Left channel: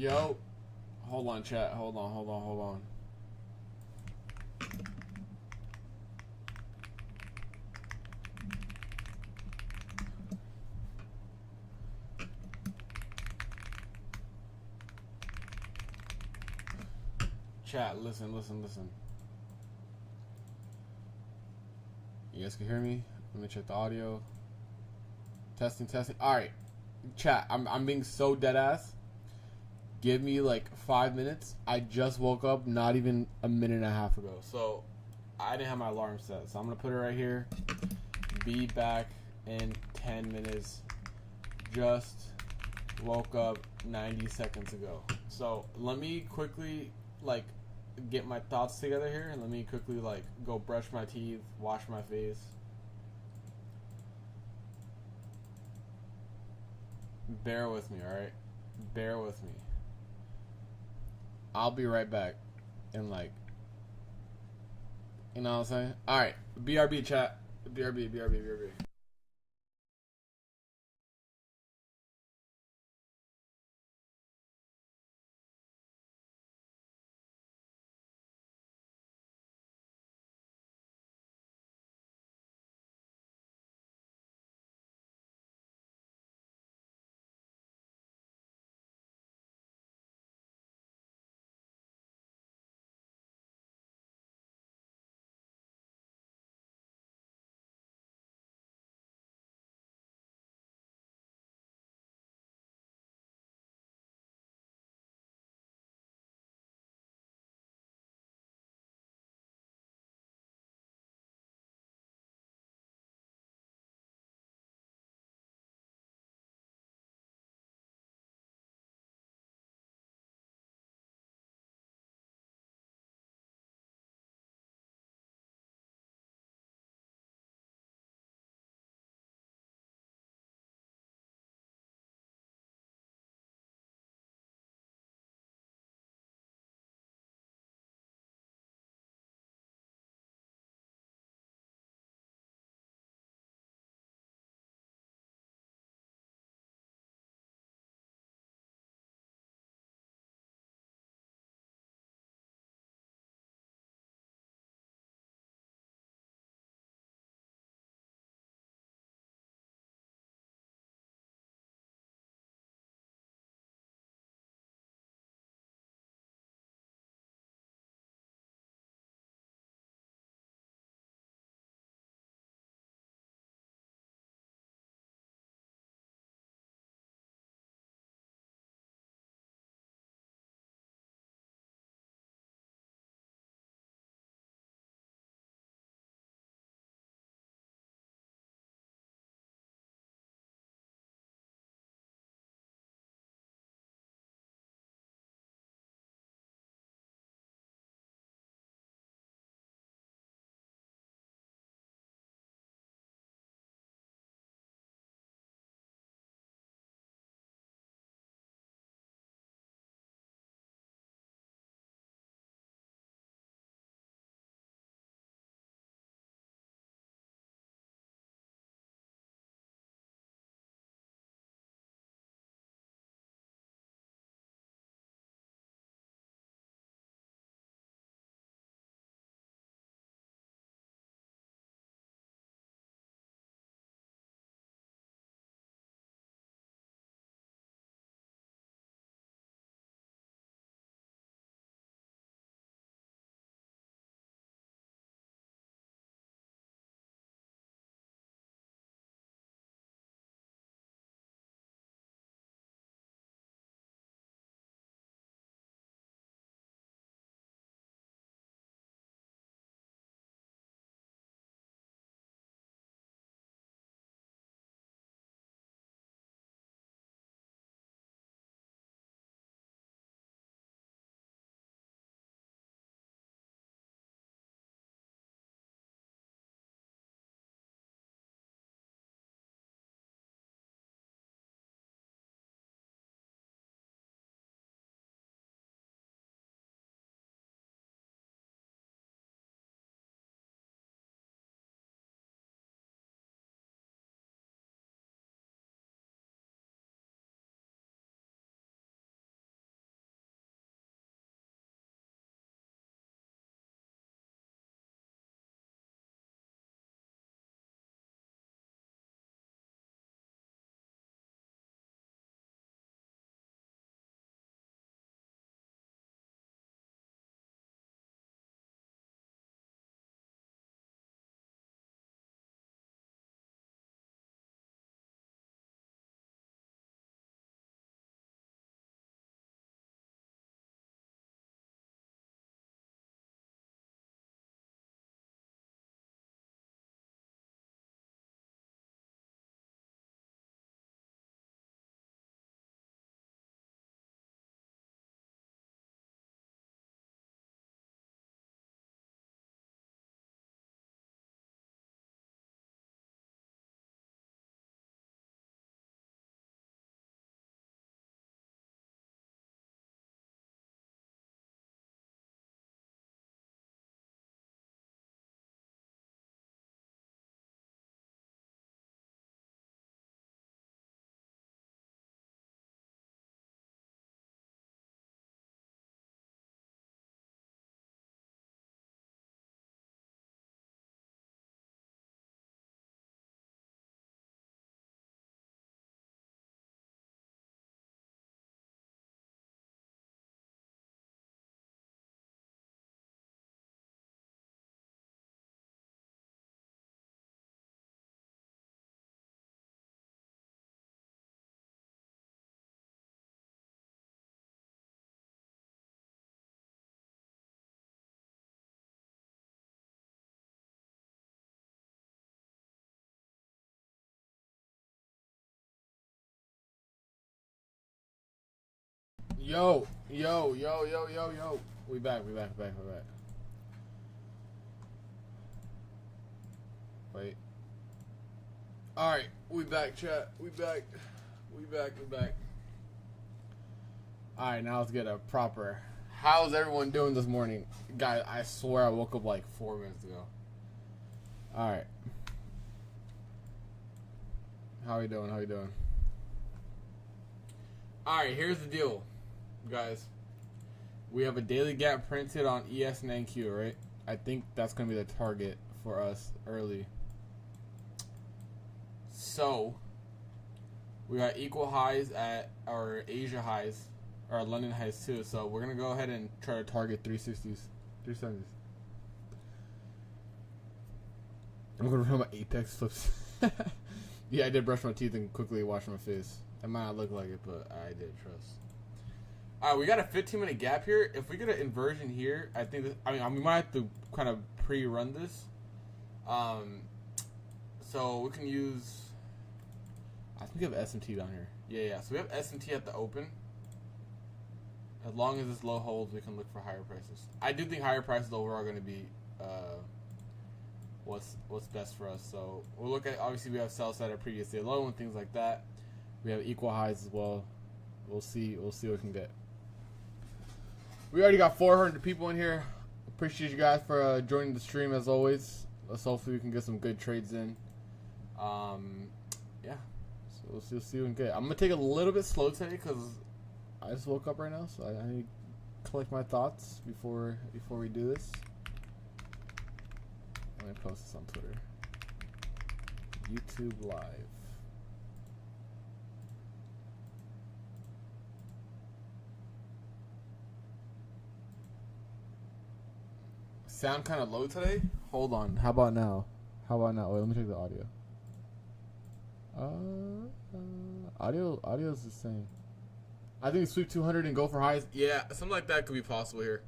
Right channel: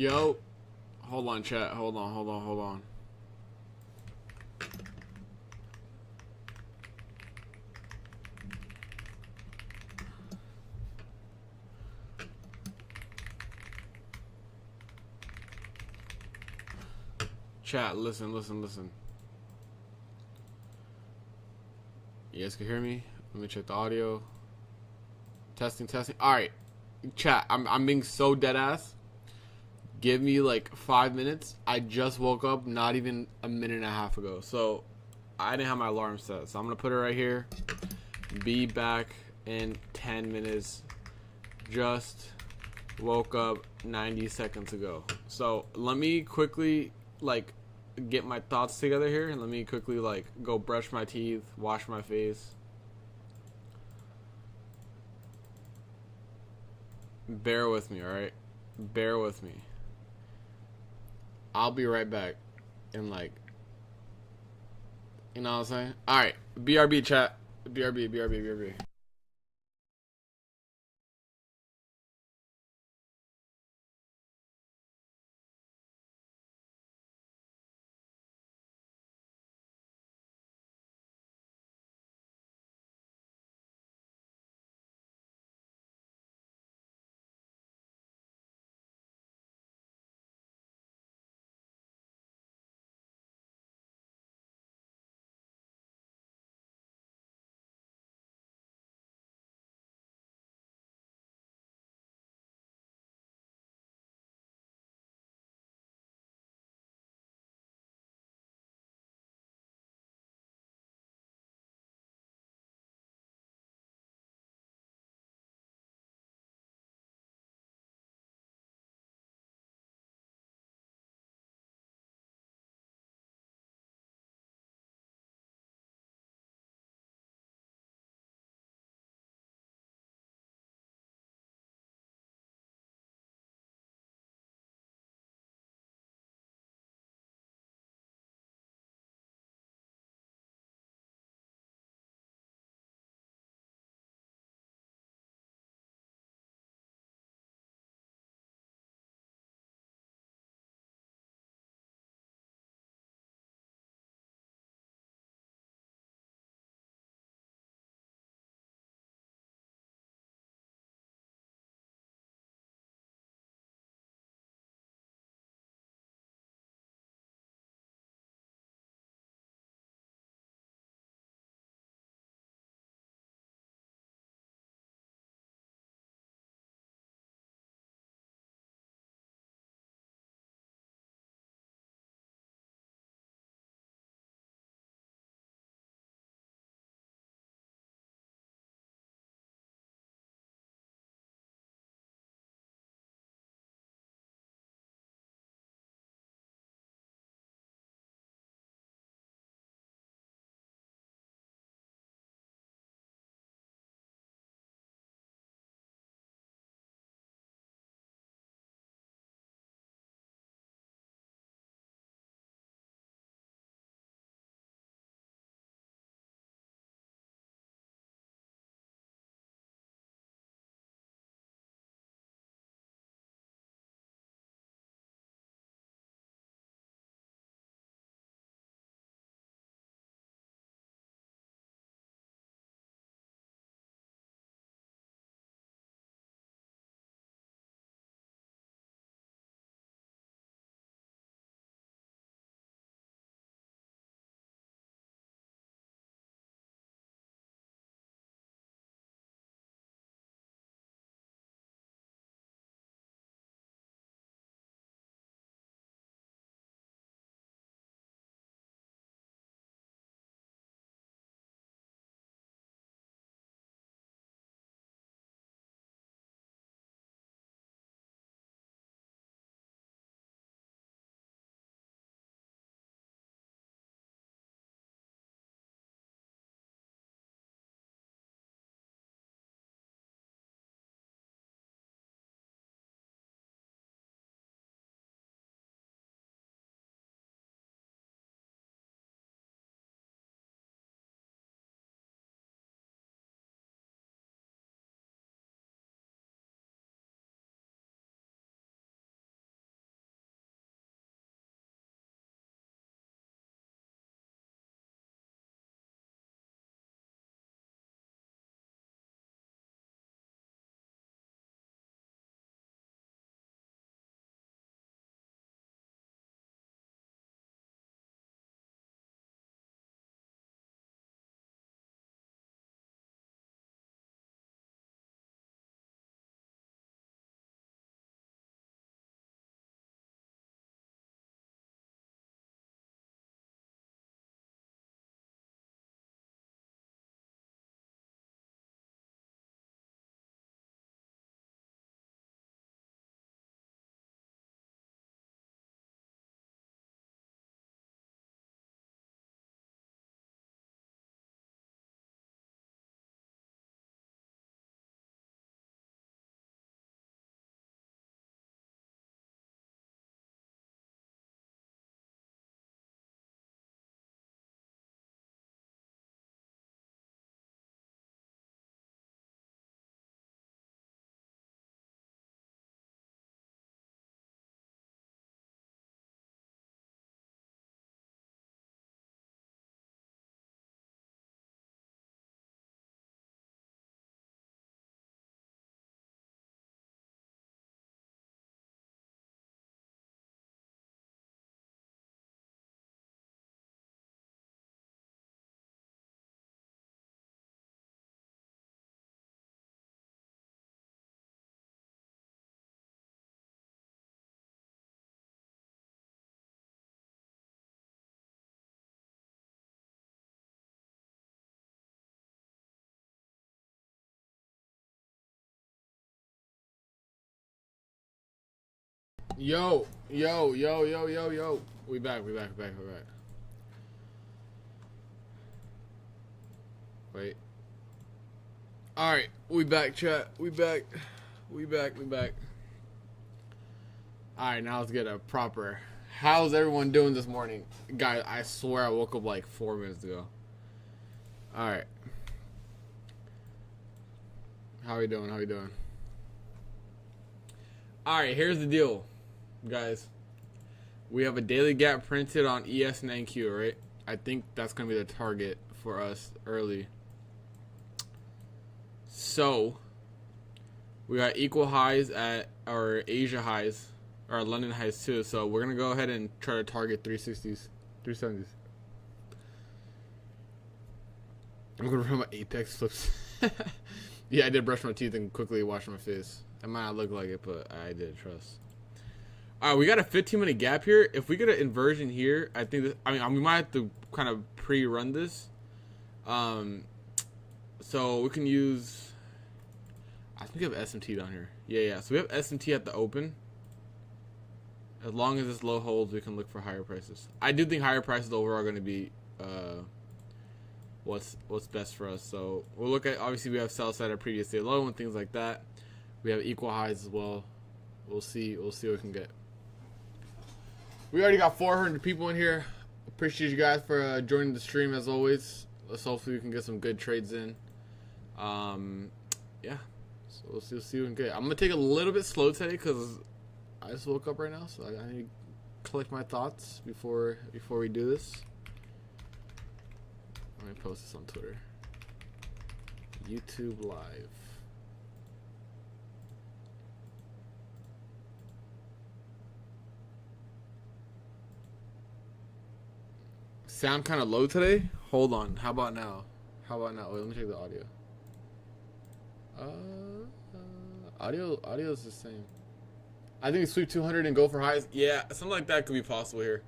Yo, hold on, chat. Hold on. Chat, listen. You guys can hear me? Let me check the audio. Testing. All right, chat. I'm being so dead ass. Give me like 5 minutes. I just woke up not even a minute and a half ago. So I didn't have my alarm set. So I'm going to put it right here. Be back in 10 minutes. Just woke up 90 seconds ago. So let me quickly like get my thoughts together here. And let me quickly like go brush my teeth, wash my face. Bear with me, alright? Bear with me. I'll be right back in like, you know what I'm saying? Alright, BRB chat. BRB. Yo. We back. Wait. Alright, we back, chat. We back. Alright, now let's get a proper. How's everyone doing this morning? Guys, I swear I woke up like 4 minutes ago. Alright. How we doing? Alright, here's the deal, guys. We have a daily gap printed on ES and NQ, right? I think that's going to be the target for us early. So, we got equal highs at our Asia highs, our London highs too. So, we're going to go ahead and try to target 360s, 370s. I'm going to run my Apex flips. Yeah, I did brush my teeth and quickly wash my face. It might not look like it, but I did, trust. Alright, we got a 15-minute gap here. If we get an inversion here, I think we might have to kind of pre-run this. So we can use, I think we have SMT down here. Yeah. So we have SMT at the open. As long as this low holds, we can look for higher prices. I do think higher prices overall are going to be what's best for us. So we'll look at, obviously we have sell side at previous day low and things like that. We have equal highs as well. We'll see what we can get. We already got 400 people in here. Appreciate you guys for joining the stream as always. Let's hopefully we can get some good trades in. Yeah. So we'll see what we can get. I'm gonna take a little bit slow today because I just woke up right now, so I need to collect my thoughts before we do this. Let me post this on Twitter. YouTube Live. Sound kind of low today? Hold on. How about now? Wait, let me check the audio. Audio's the same. I think sweep 200 and go for highs. Yeah, something like that could be possible here.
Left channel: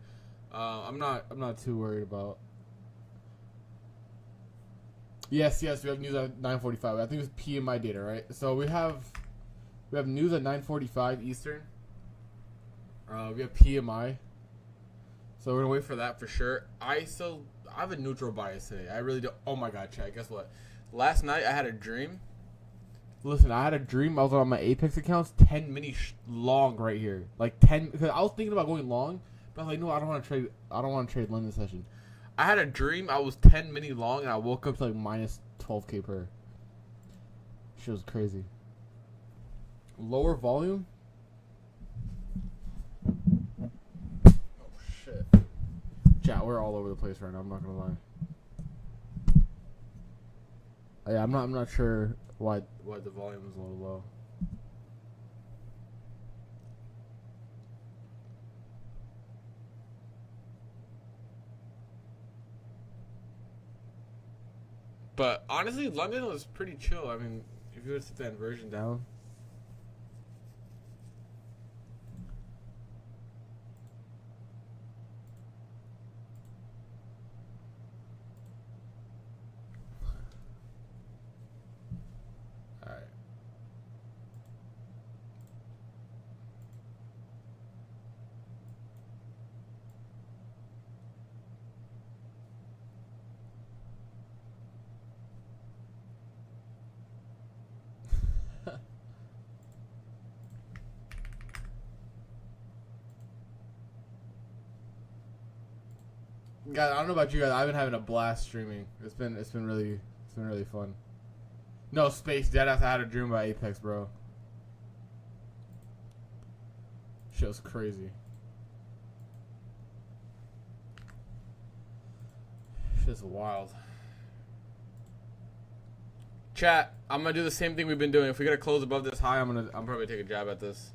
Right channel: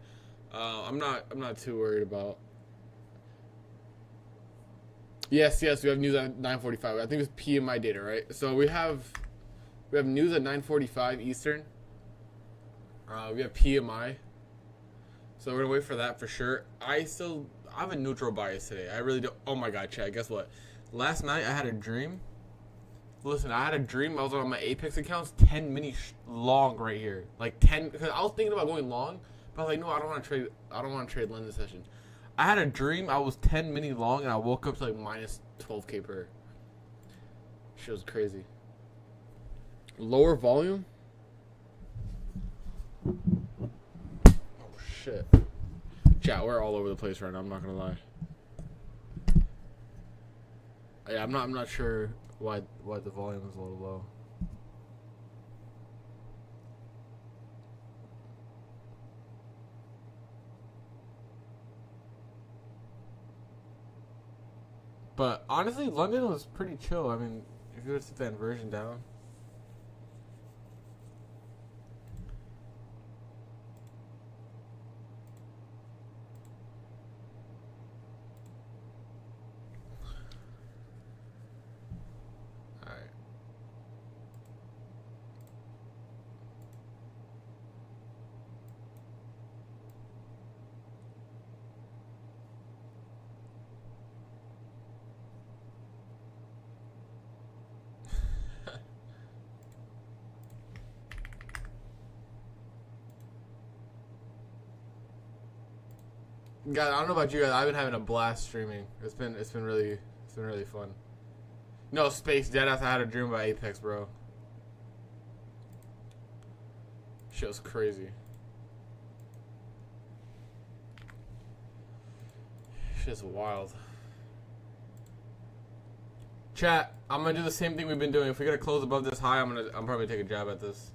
I'm not too worried about. Yes, we have news at 9:45. I think it's PMI data, right? So we have news at 9:45 Eastern. We have PMI. So we're gonna wait for that for sure. I have a neutral bias today. I really do. Oh my god, chat. Guess what? Last night I had a dream. Listen, I had a dream. I was on my Apex accounts, 10 mini long right here, like 10. Because I was thinking about going long, but I was like, no, I don't want to trade. I don't want to trade London session. I had a dream. I was 10 mini long, and I woke up to like minus 12K per. Shit was crazy. Lower volume. Shit. Chat, we're all over the place right now, I'm not gonna lie. Yeah, I'm not sure why the volume is a little low. But honestly, London was pretty chill. I mean, if you were to set the inversion down. Guys, I don't know about you guys. I've been having a blast streaming. It's been really fun. No space, deadass. I had a dream about Apex, bro. Shit was crazy. Shit's wild. Chat, I'm gonna do the same thing we've been doing. If we get a close above this high, I'm probably take a jab at this.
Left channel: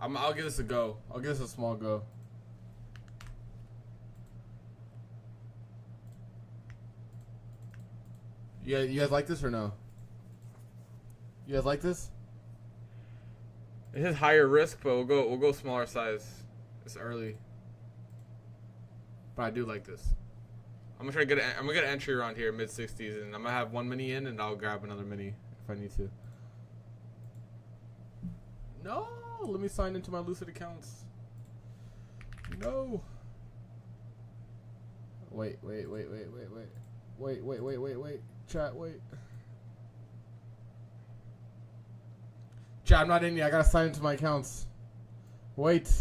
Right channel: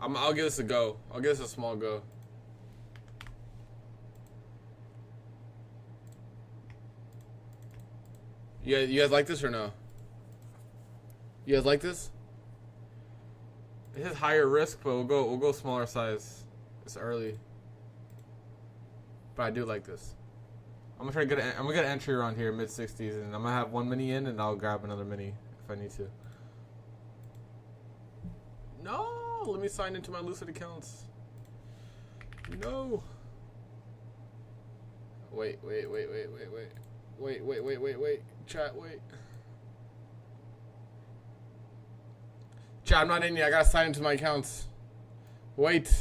I'll give this a go. I'll give this a small go. You guys like this or no? You guys like this? It is higher risk, but we'll go smaller size. It's early. But I do like this. I'm gonna try to get I'm gonna get an entry around here, mid 60s, and I'm gonna have one mini in, and I'll grab another mini if I need to. No, let me sign into my Lucid accounts. No. Wait. Chat, wait. Chat, I'm not in yet. I gotta sign into my accounts. Wait.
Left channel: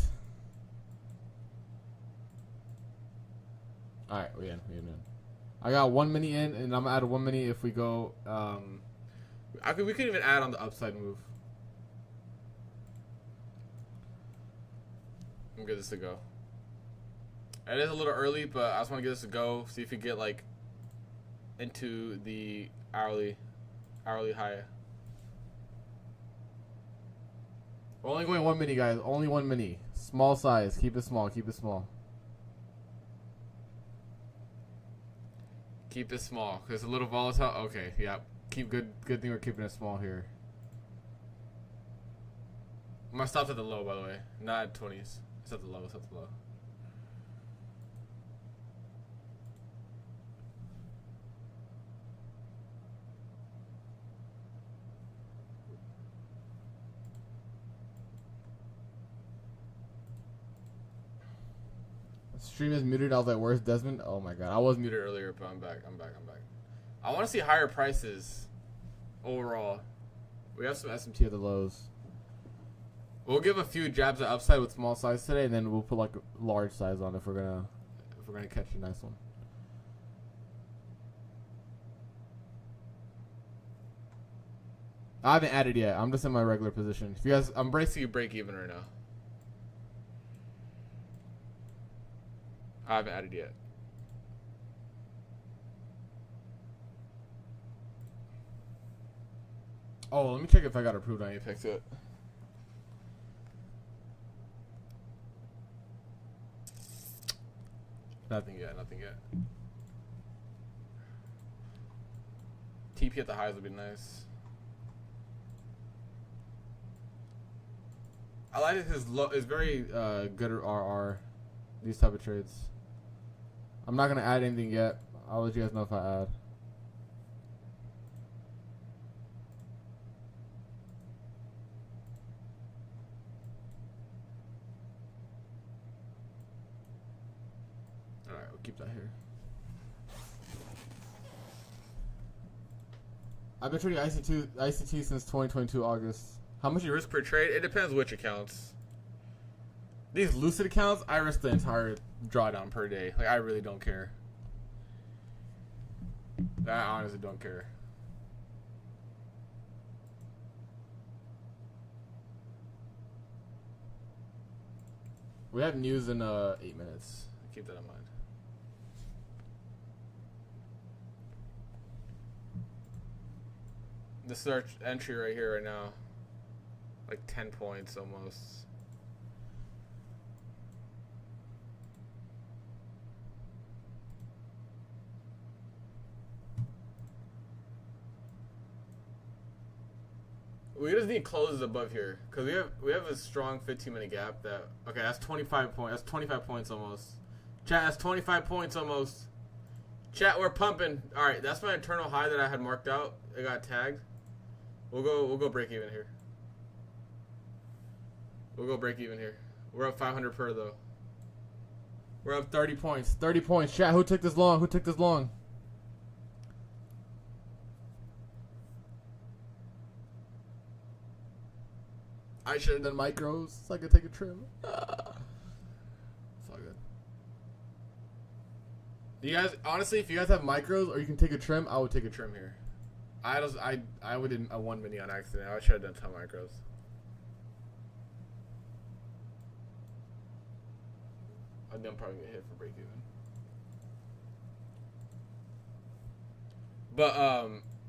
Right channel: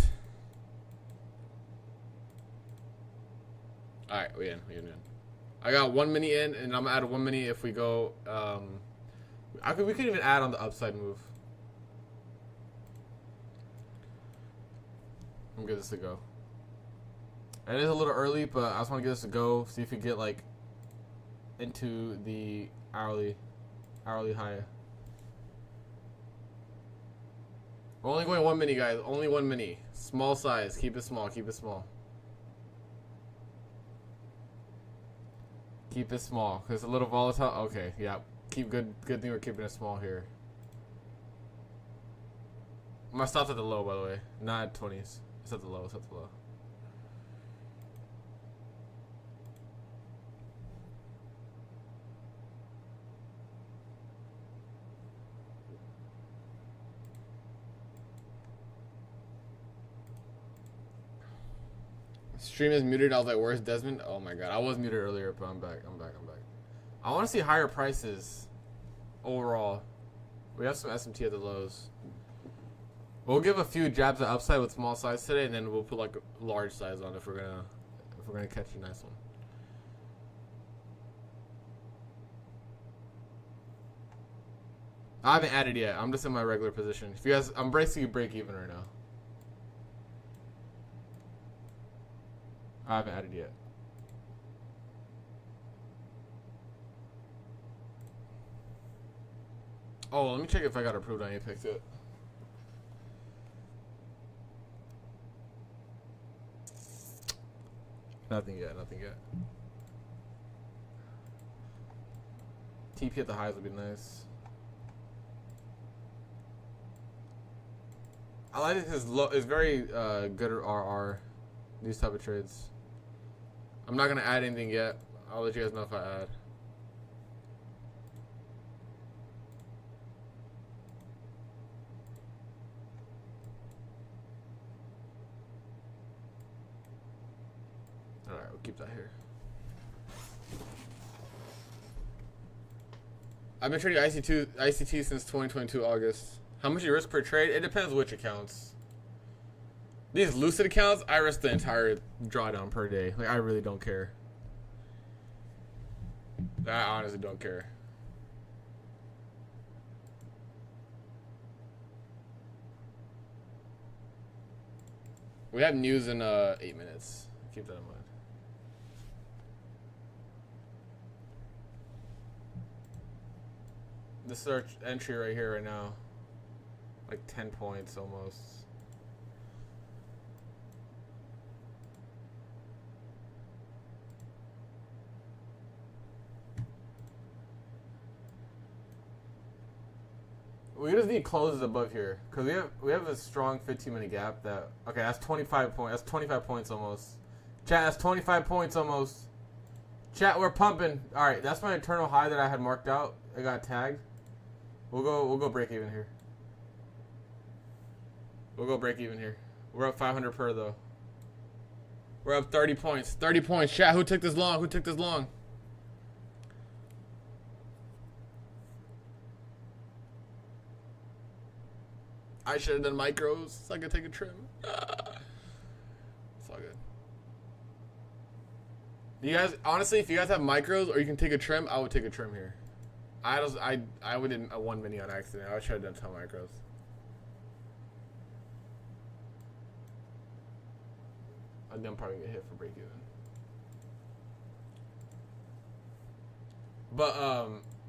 Alright, we in. I got one mini in, and I'm gonna add one mini if we go. We could even add on the upside move. I'm good this to go. It is a little early, but I just want to get this to go. See if we get like into the hourly high. We're only going one mini, guys. Only one mini. Small size. Keep it small. Keep it small. Keep it small, cause it's a little volatile. Okay, yeah. Keep good thing we're keeping it small here. My stop's at the low, by the way. Not at 20s. It's at the low. It's at the low. Stream is muted. I was like, where's Desmond? Oh my god. I was muted earlier, but I'm back. I'm back. I want to see higher prices overall. We have some SMT at the lows. We'll give a few jabs at upside with small size today, and then we'll put like a large size on if we're gonna catch a nice one. I haven't added yet. I'm just in my regular position. If you guys, I'm basically break even right now. I haven't added yet. Oh, let me check if I got approved on Apex yet. Nothing yet. TP at the highs would be nice. I like it because it's very good RR. These type of trades. I'm not gonna add anything yet. I'll let you guys know if I add. Alright, we'll keep that here. I've been trading ICT since 2022 August. How much you risk per trade? It depends which accounts. These Lucid accounts, I risk the entire drawdown per day. Like, I really don't care. I honestly don't care. We have news in 8 minutes. Keep that in mind. This is our entry right here right now. Like 10 points almost. We just need closes above here because we have a strong 15-minute gap. That okay? That's 25 points. That's 25 points almost. Chat, that's 25 points almost. Chat, we're pumping. All right, that's my internal high that I had marked out. It got tagged. We'll go break even here. We'll go break even here. We're up 500 per though. We're up 30 points. 30 points. Chat, who took this long? Who took this long? I should have done micros so I could take a trim. It's all good. You guys, honestly, if you guys have micros or you can take a trim, I would take a trim here. I would did a 1 mini on accident. I should have done 10 micros. I'm probably gonna get hit for break even. But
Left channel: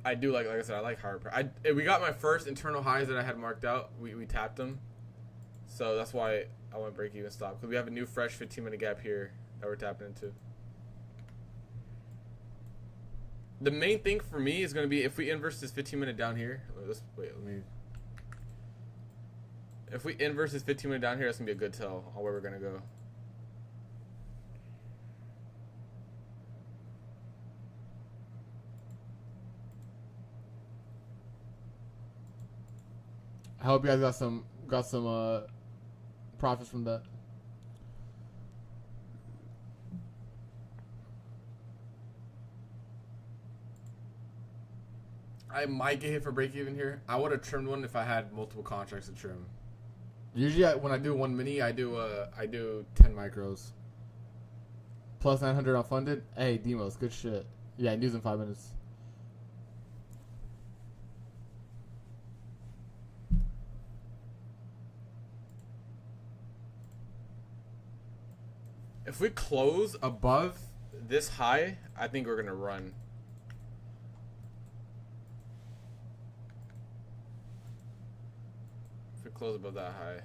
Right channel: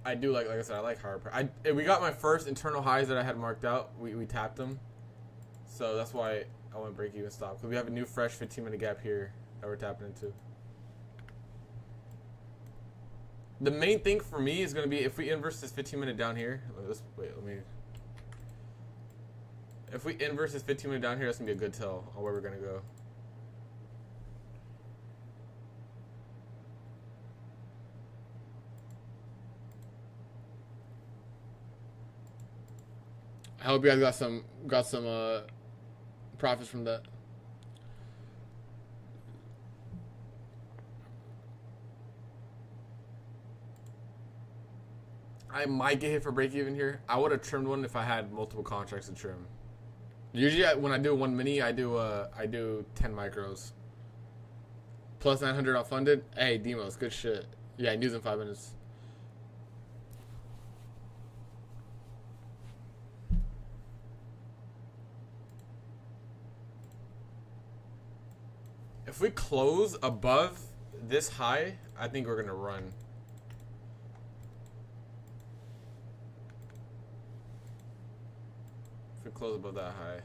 I do like I said, I like higher price. We got my first internal highs that I had marked out. We tapped them, so that's why I want to break even stop because we have a new fresh 15-minute gap here that we're tapping into. The main thing for me is going to be if we inverse this 15-minute down here. Let me. If we inverse this 15 minute down here, that's gonna be a good tell on where we're gonna go. I hope you guys got some profits from that. I might get hit for break even here. I would have trimmed one if I had multiple contracts to trim. Usually when I do one mini, I do 10 micros. Plus 900 unfunded. Hey, Demos, good shit. Yeah, news in 5 minutes. If we close above this high, I think we're gonna run. If we close above that high.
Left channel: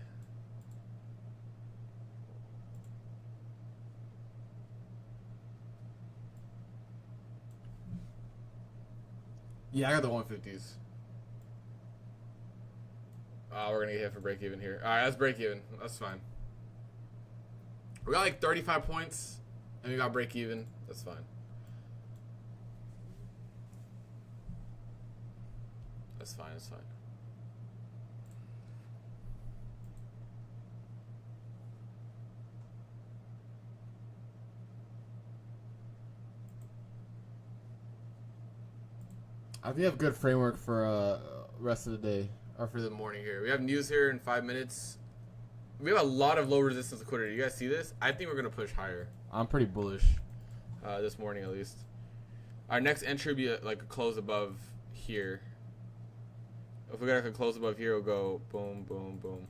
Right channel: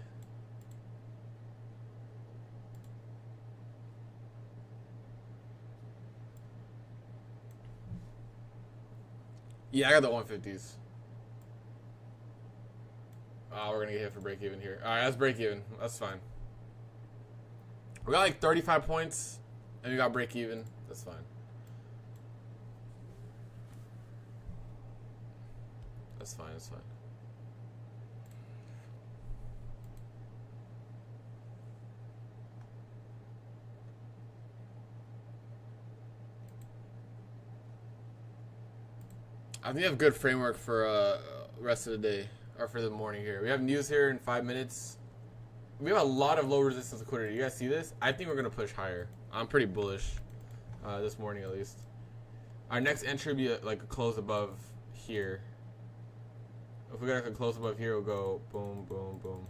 Yeah, I got the 150s. We're gonna get hit for break even here. Alright, that's break even. That's fine. We got like 35 points, and we got break even. That's fine. That's fine. That's fine. I think we have good framework for rest of the day or for the morning here. We have news here in 5 minutes. We have a lot of low resistance liquidity. You guys see this? I think we're going to push higher. I'm pretty bullish this morning at least. Our next entry will be like a close above here. If we got a close above here, we'll go boom, boom, boom.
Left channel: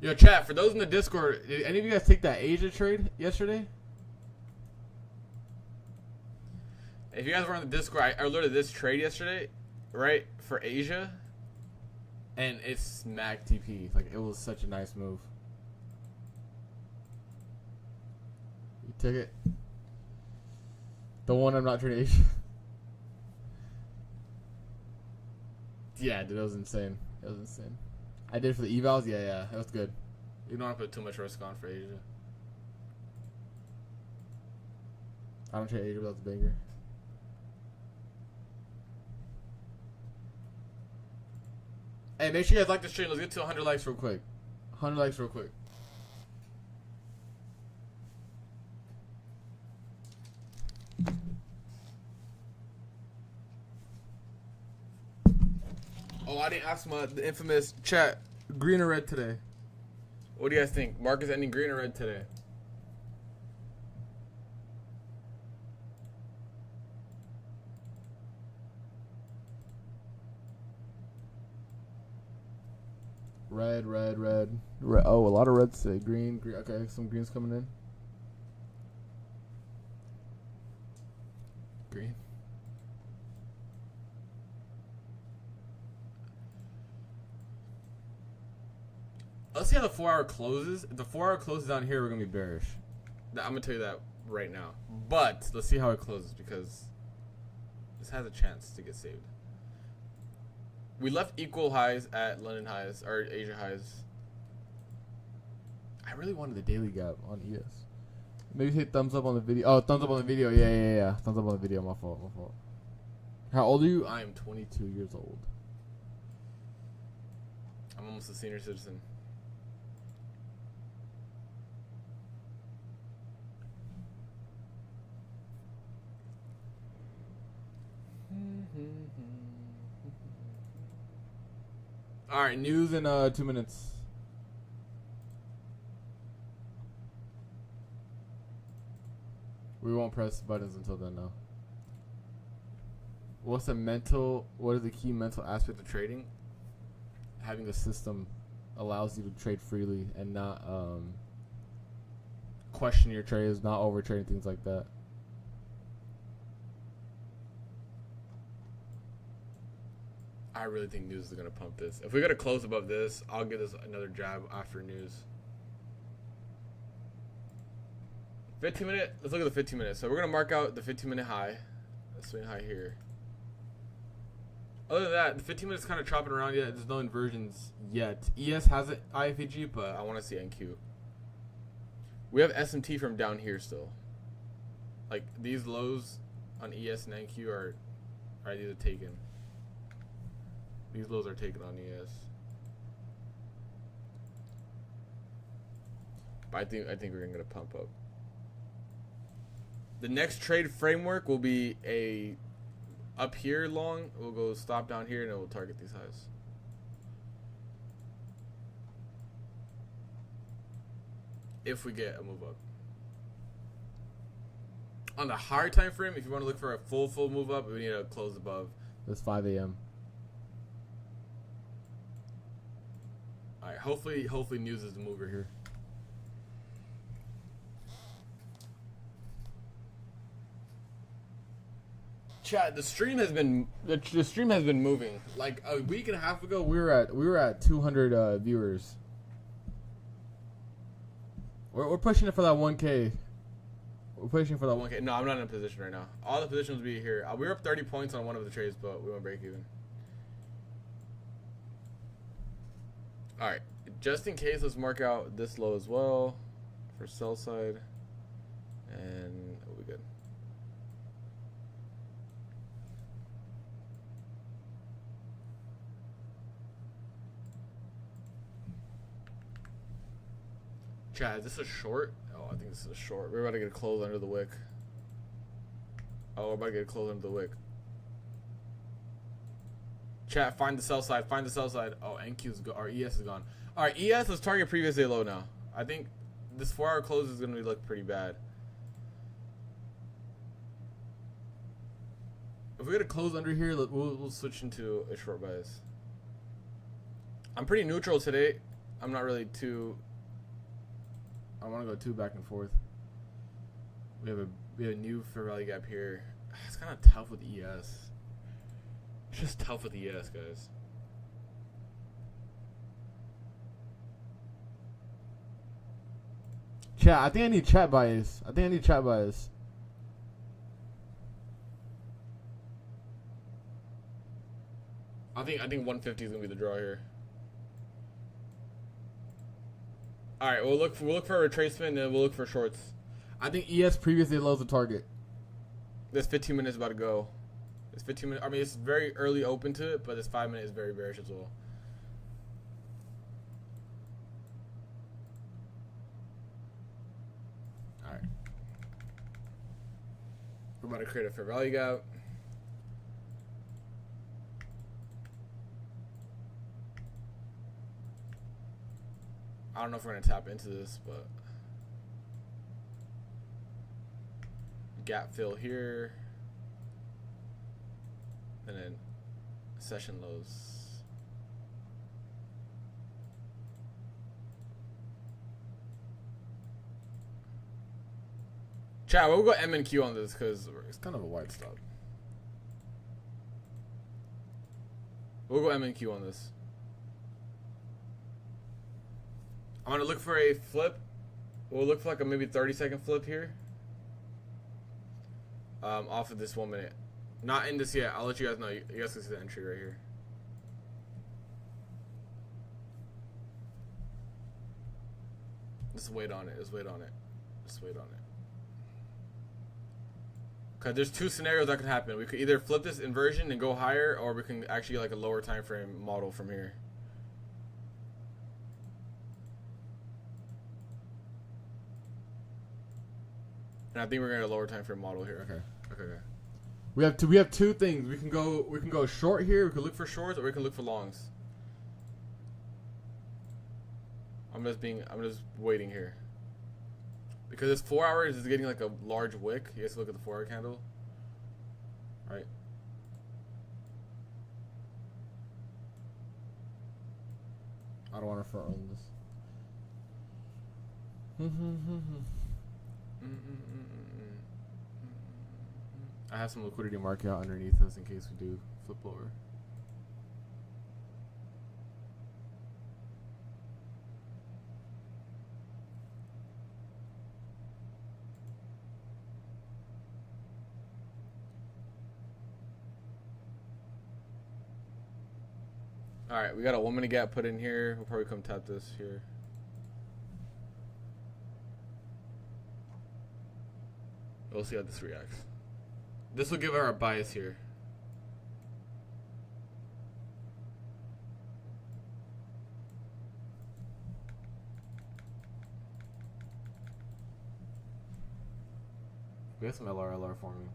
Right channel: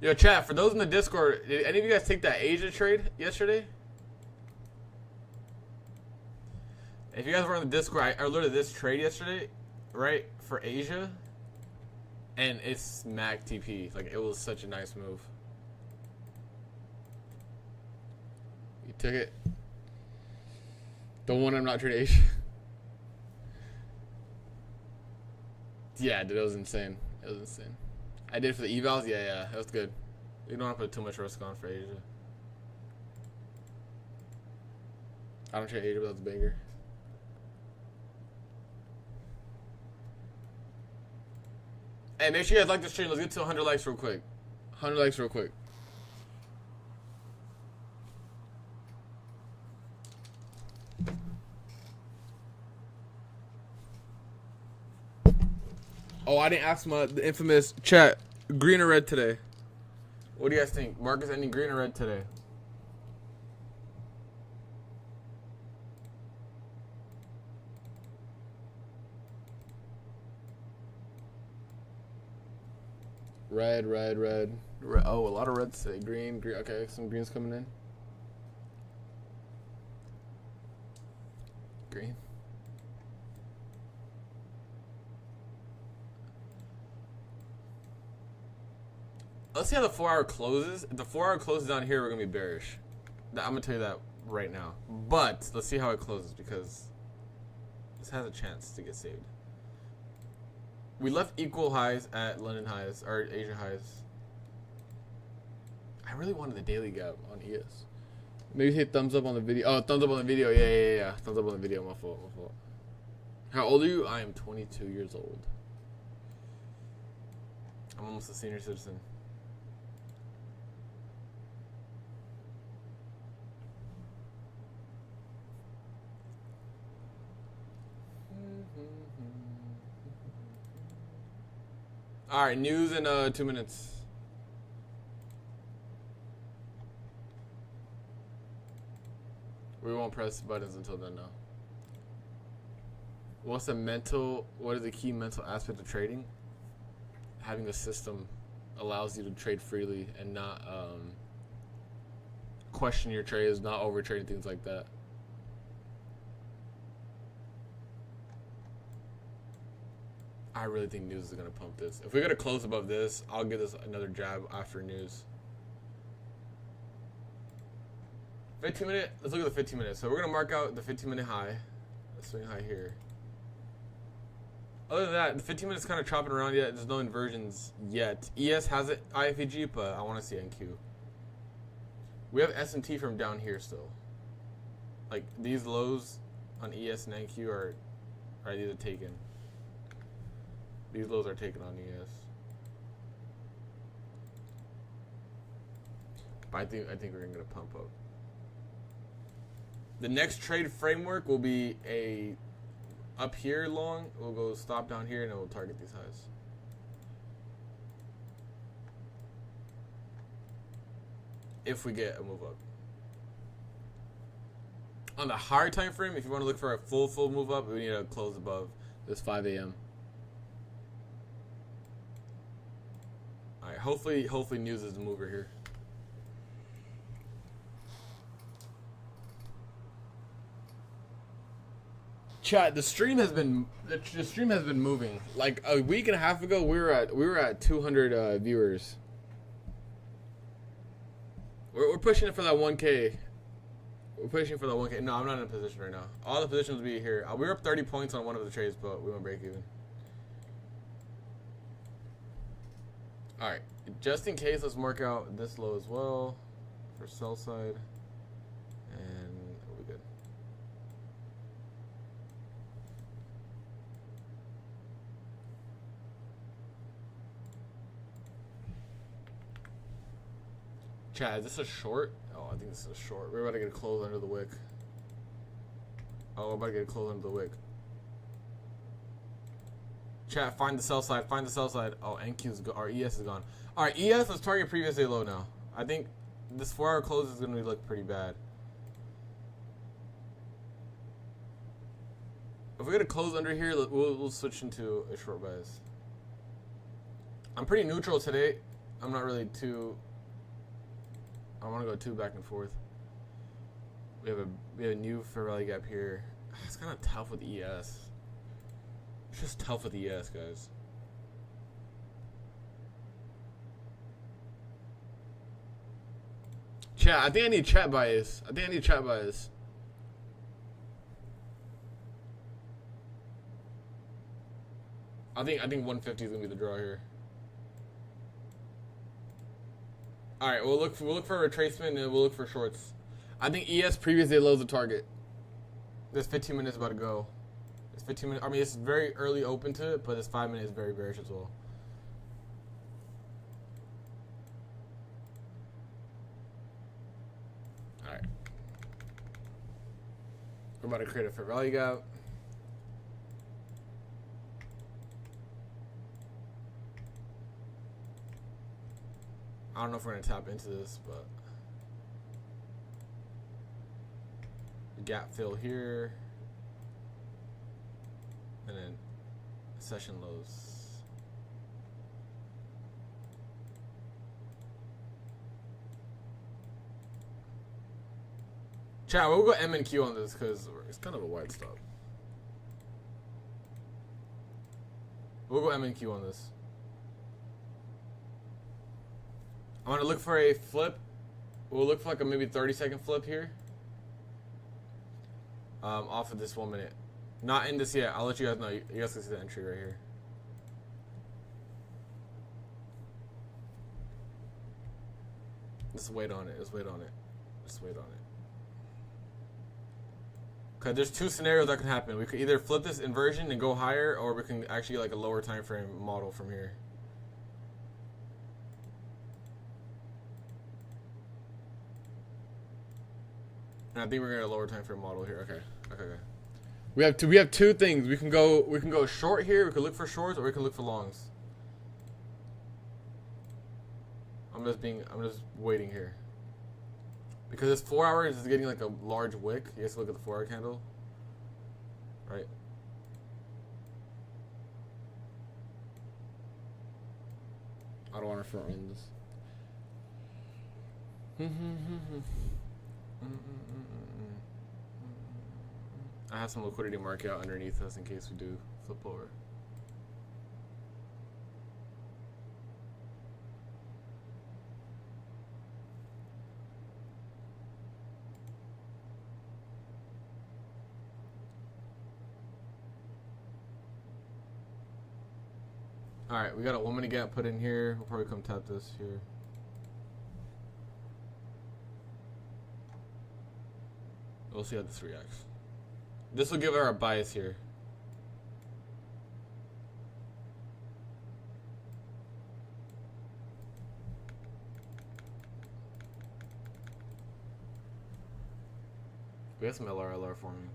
Yo, chat, for those in the Discord, did any of you guys take that Asia trade yesterday? If you guys were on the Discord, I alerted this trade yesterday, right, for Asia. And it's smack TP. Like, it was such a nice move. You took it. The one I'm not trading Asia. Yeah, dude, it was insane. It was insane. I did for the evals. Yeah, that was good. You don't want to put too much risk on for Asia. I don't trade Asia without the banger. Hey, make sure you guys like the stream. Let's get to 100 likes real quick. 100 likes real quick. Oh, I didn't ask the infamous chat. Green or red today? What do you guys think? Markets ending green or red today? Red. Oh, a lot of reds today. Green. Okay, some greens coming in. Green. Let's see how the 4 hour closes. If the 4 hour closes down here, we're going to be bearish. I'm going to tell you that right now. But let's see how it closes because this has a chance to get saved. We left equal highs at London highs, or Asia highs. I really wanted the daily gap on ES. Maybe hit thumbs up on the video. Oh, thumbs up on the video. Yeah. Thumbs up on the video. My fault. How old are you? I am 22 years old. I'm almost a senior citizen. Alright, news in 2 minutes. We won't press buttons until then, though. What is the key mental aspect of trading? Having the system allows you to trade freely and not question your trades, not overtrading, things like that. I really think news is going to pump this. If we got to close above this, I'll give this another jab after news. 15 minute, let's look at the 15 minutes. So we're going to mark out the 15 minute high. Swing high here. Other than that, the 15 minutes kind of chopping around yet. There's no inversions yet. ES has it IFEG, but I want to see NQ. We have S&T from down here still. Like these lows on ES and NQ are these are taken. These lows are taken on ES. But I think we're gonna pump up. The next trade framework will be a up here long. We'll go stop down here and then we'll target these highs. If we get a move up. On the higher time frame, if you want to look for a full move up, we need to close above this 5 a.m. All right, hopefully news is the mover here. Chat, the stream has been moving. Like a week and a half ago, we were at 200 viewers. We're pushing it for that 1K. We're pushing for that 1K. No, I'm not in a position right now. All the positions will be here. We were up 30 points on one of the trades, but we went break even. All right, just in case, let's mark out this low as well for sell side, and we'll be good. Chad, is this a short? Oh, I think this is a short. We're about to get a close under the wick. Oh, we're about to get a close under the wick. Chat, find the sell side. Find the sell side. Oh, NQ's gone. Our ES is gone. All right, ES, let's target previous day low now. I think this 4-hour close is going to look pretty bad. If we get a close under here, we'll switch into a short bias. I'm pretty neutral today. I'm not really too... I don't want to go too back and forth. We have a new fair value gap here. It's kind of tough with ES. It's just tough with ES, guys. Chat, I think I need chat bias. I think 150 is gonna be the draw here. All right, we'll look for a retracement and then we'll look for shorts. I think ES previous day low is a target. This 15 minutes about to go. This 15 minutes. I mean, it's very early open to it, but this 5 minutes is very bearish as well. All right, we're about to create a fair value gap. I don't know if we're gonna tap into this, but gap fill here, and then session lows. Chat, we'll go M and Q on this because it's kind of a wide stop. We'll go M and Q on this. I'm going to look for a flip. We'll look for like a maybe 30-second flip here. Off of this 1 minute. Not in this yet. I'll let you guys know. You guys can see the entry right here. Just wait on it. Just wait on it. Just wait on it. Okay, there's two scenarios that could happen. We could either flip this inversion and go higher, or we can actually like a lower time frame model from here. And I think we're gonna lower time frame model here. Okay. We have two things. We can go short here. We can look for shorts, or we can look for longs. I'm just waiting here. Because this 4 hours is getting like a large wick. You guys look at the 4 hour candle. Right. I don't want to front run this. I have some liquidity market out underneath us in case we do flip lower. All right, we got a 1 minute gap put in here. We'll probably come tap this here. We'll see how this reacts. This will give her a bias here. We have some LR forming.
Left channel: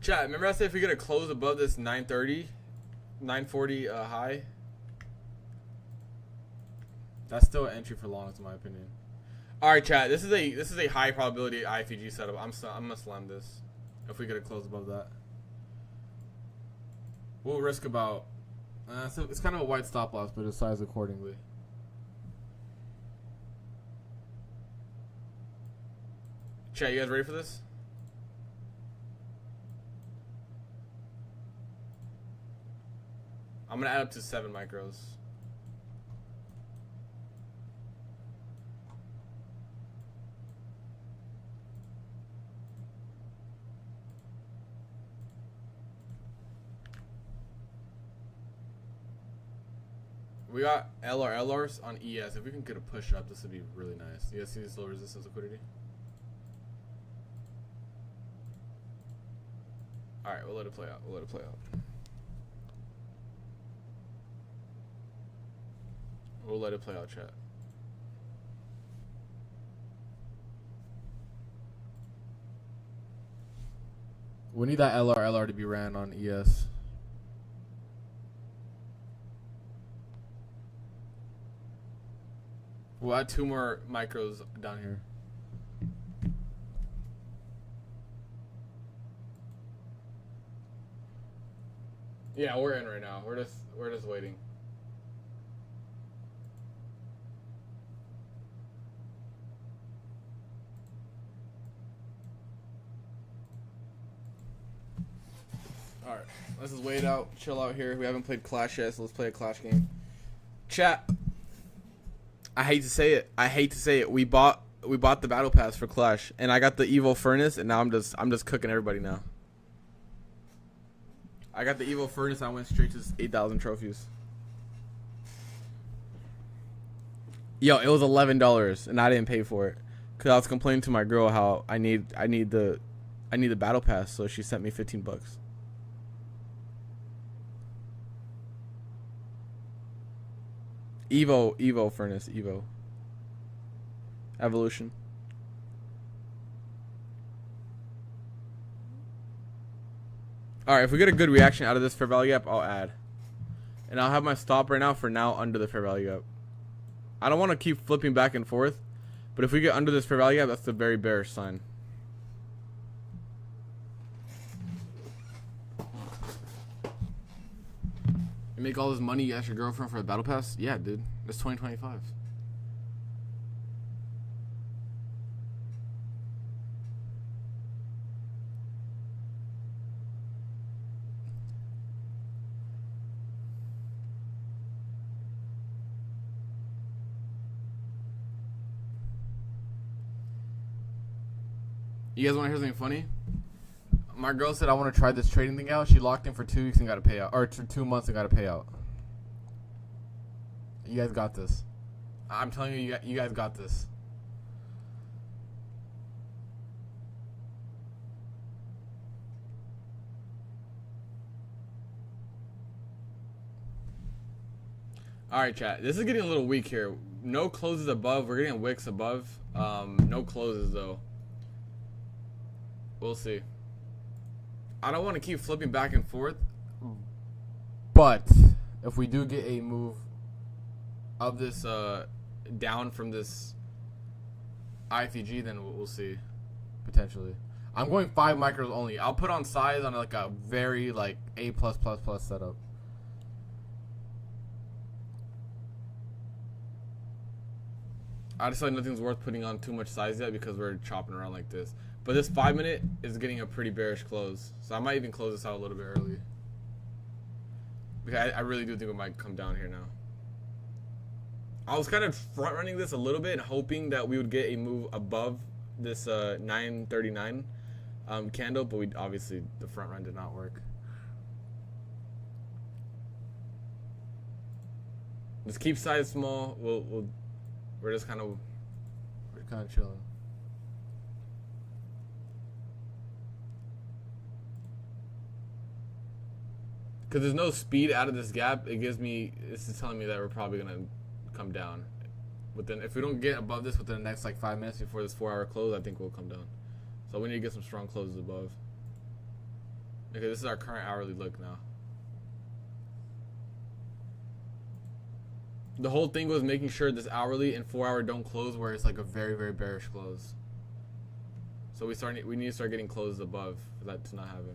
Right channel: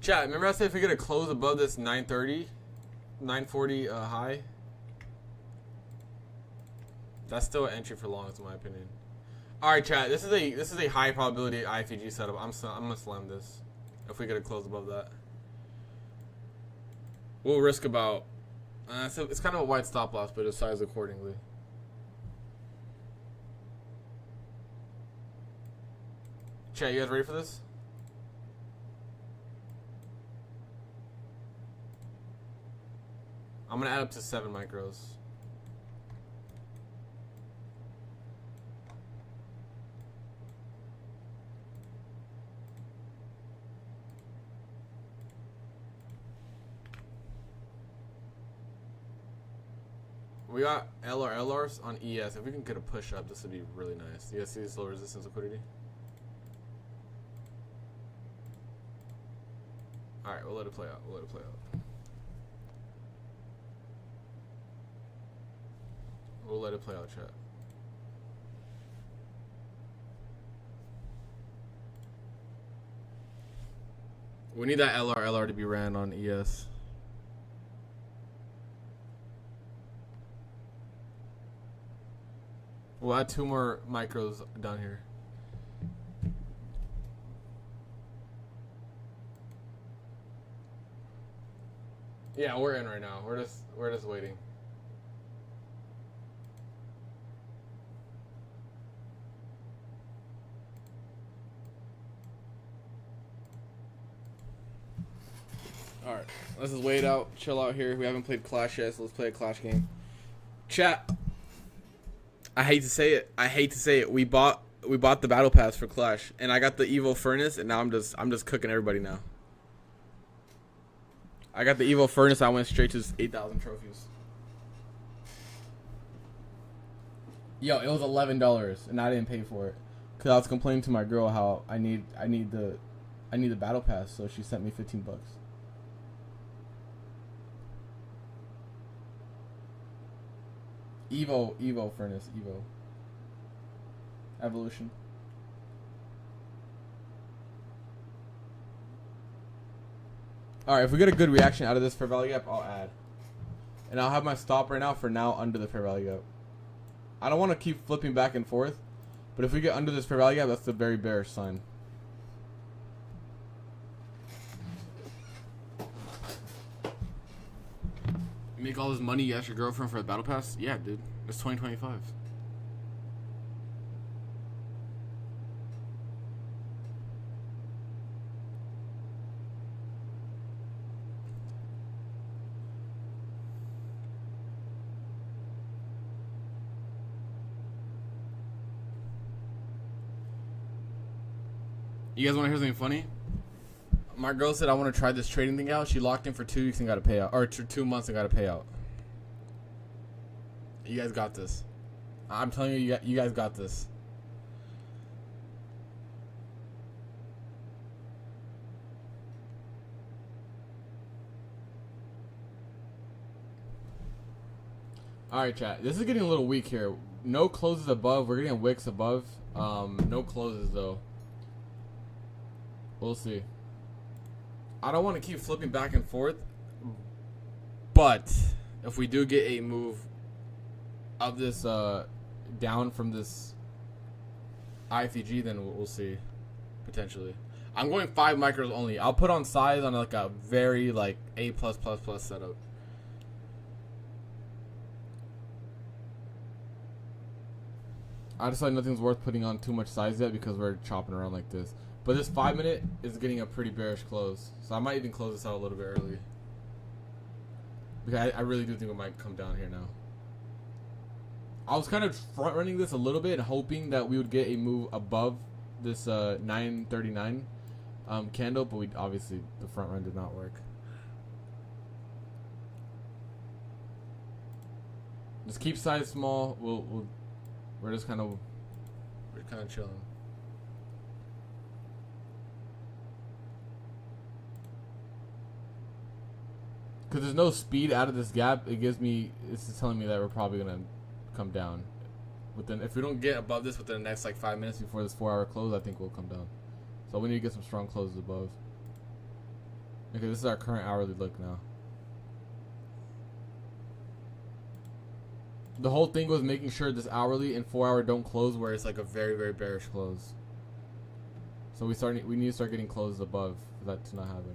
Chat, remember I said if we get a close above this 930, 940 high? That's still an entry for longs in my opinion. All right, chat. This is a high probability IFG setup. I'm gonna slam this if we get a close above that. We'll risk about. So it's kind of a wide stop loss, but it's sized accordingly. Chat, you guys ready for this? I'm gonna add up to 7 micros. We got LRs on ES. If we can get a push up, this would be really nice. You guys see this low resistance liquidity? All right, we'll let it play out. We'll let it play out. We'll let it play out, chat. We need that LR to be ran on ES. We'll add 2 more micros down here. Yeah, we're in right now. We're just waiting. All right, let's just wait out, chill out here. We haven't played Clash yet, so let's play a Clash game. Chat. I hate to say it. We bought the battle pass for Clash, and I got the Evo Furnace, and now I'm just cooking everybody now. I got the Evo Furnace. I went straight to 8,000 trophies. Yo, it was $11, and I didn't pay for it because I was complaining to my girl how I need the battle pass, so she sent me $15. Evo Furnace, Evo. Evolution. Alright, if we get a good reaction out of this fair value gap, I'll add. And I'll have my stop right now for now under the fair value gap. I don't want to keep flipping back and forth, but if we get under this fair value gap, that's a very bearish sign. You make all this money, you ask your girlfriend for a battle pass? Yeah, dude. It's 2025. You guys want to hear something funny? My girl said I want to try this trading thing out. She locked in for 2 weeks and got a payout, or 2 months and got a payout. You guys got this. I'm telling you, you guys got this. All right, chat. This is getting a little weak here. No closes above. We're getting wicks above. No closes though. We'll see. I don't want to keep flipping back and forth, but if we do get a move of this down from this IFG, then we'll see potentially. I'm going 5 micros only. I'll put on size on like a very like A+++ setup. I decided nothing's worth putting on too much size yet because we're chopping around like this. But this 5 minute is getting a pretty bearish close. So I might even close this out a little bit early. Because I really do think it might come down here now. I was kind of front running this a little bit and hoping that we would get a move above this 939 candle, but we obviously the front run did not work. Let's keep size small. We're just kind of chilling. Because there's no speed out of this gap, this is telling me that we're probably gonna come down. If we don't get above this within the next like 5 minutes before this 4-hour close, I think we'll come down. So we need to get some strong closes above. Okay, this is our current hourly look now. The whole thing was making sure this hourly and 4-hour don't close where it's like a very, very bearish close. So we need to start getting closes above for that to not happen.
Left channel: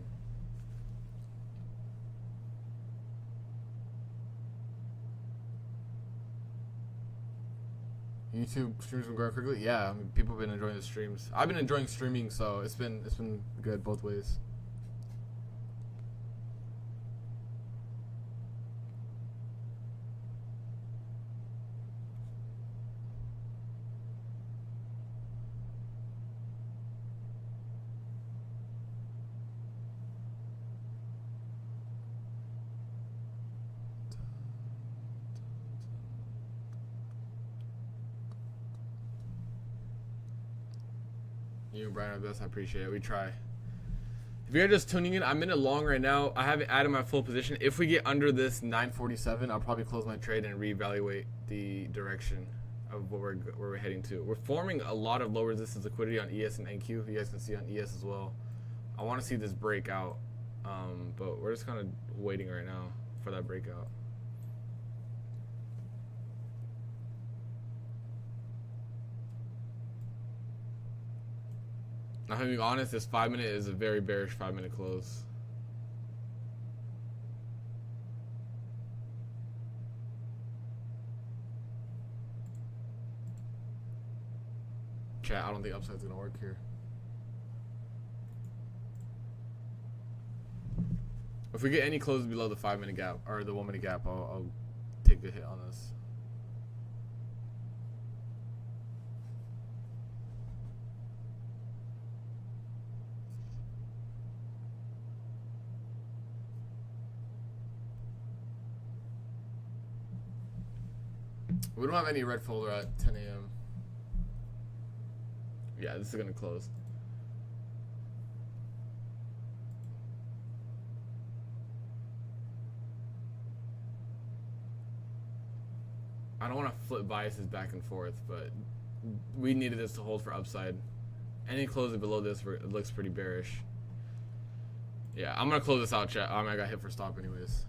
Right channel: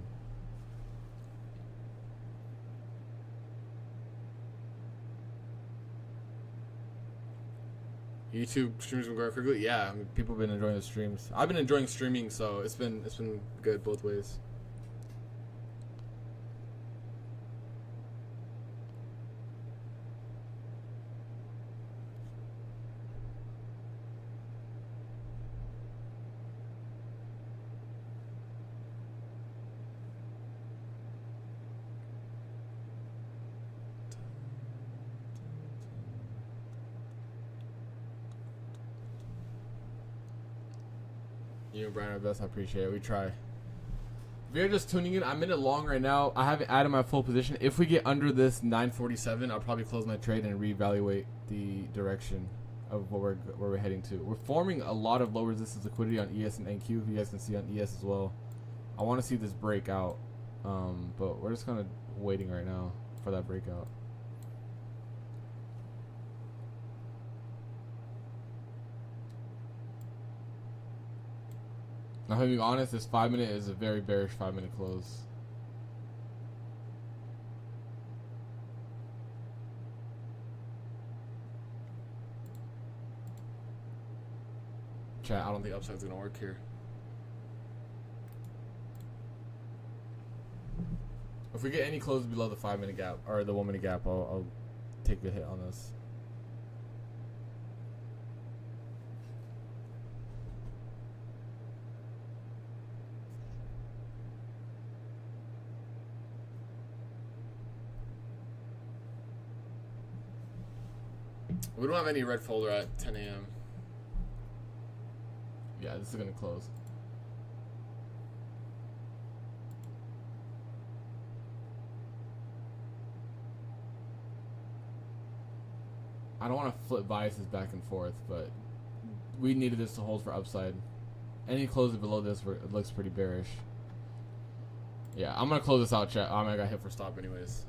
YouTube streams been going quickly. Yeah, I mean, people have been enjoying the streams. I've been enjoying streaming, so it's been good both ways. You and Brian are best. I appreciate it. We try. If you're just tuning in, I'm in a long right now. I haven't added my full position. If we get under this 947, I'll probably close my trade and reevaluate the direction of where we're heading to. We're forming a lot of low resistance liquidity on ES and NQ. You guys can see on ES as well. I want to see this break out, but we're just kind of waiting right now for that breakout. Now, to be honest, this 5-minute is a very bearish 5-minute close. Chat, I don't think upside's gonna work here. If we get any closes below the 5-minute gap or the 1-minute gap, I'll take a hit on this. We don't have any red folder at 10 a.m. Yeah, this is gonna close. I don't want to flip biases back and forth, but we needed this to hold for upside. Any closing below this looks pretty bearish. Yeah, I'm gonna close this out, chat. I got hit for stop anyways.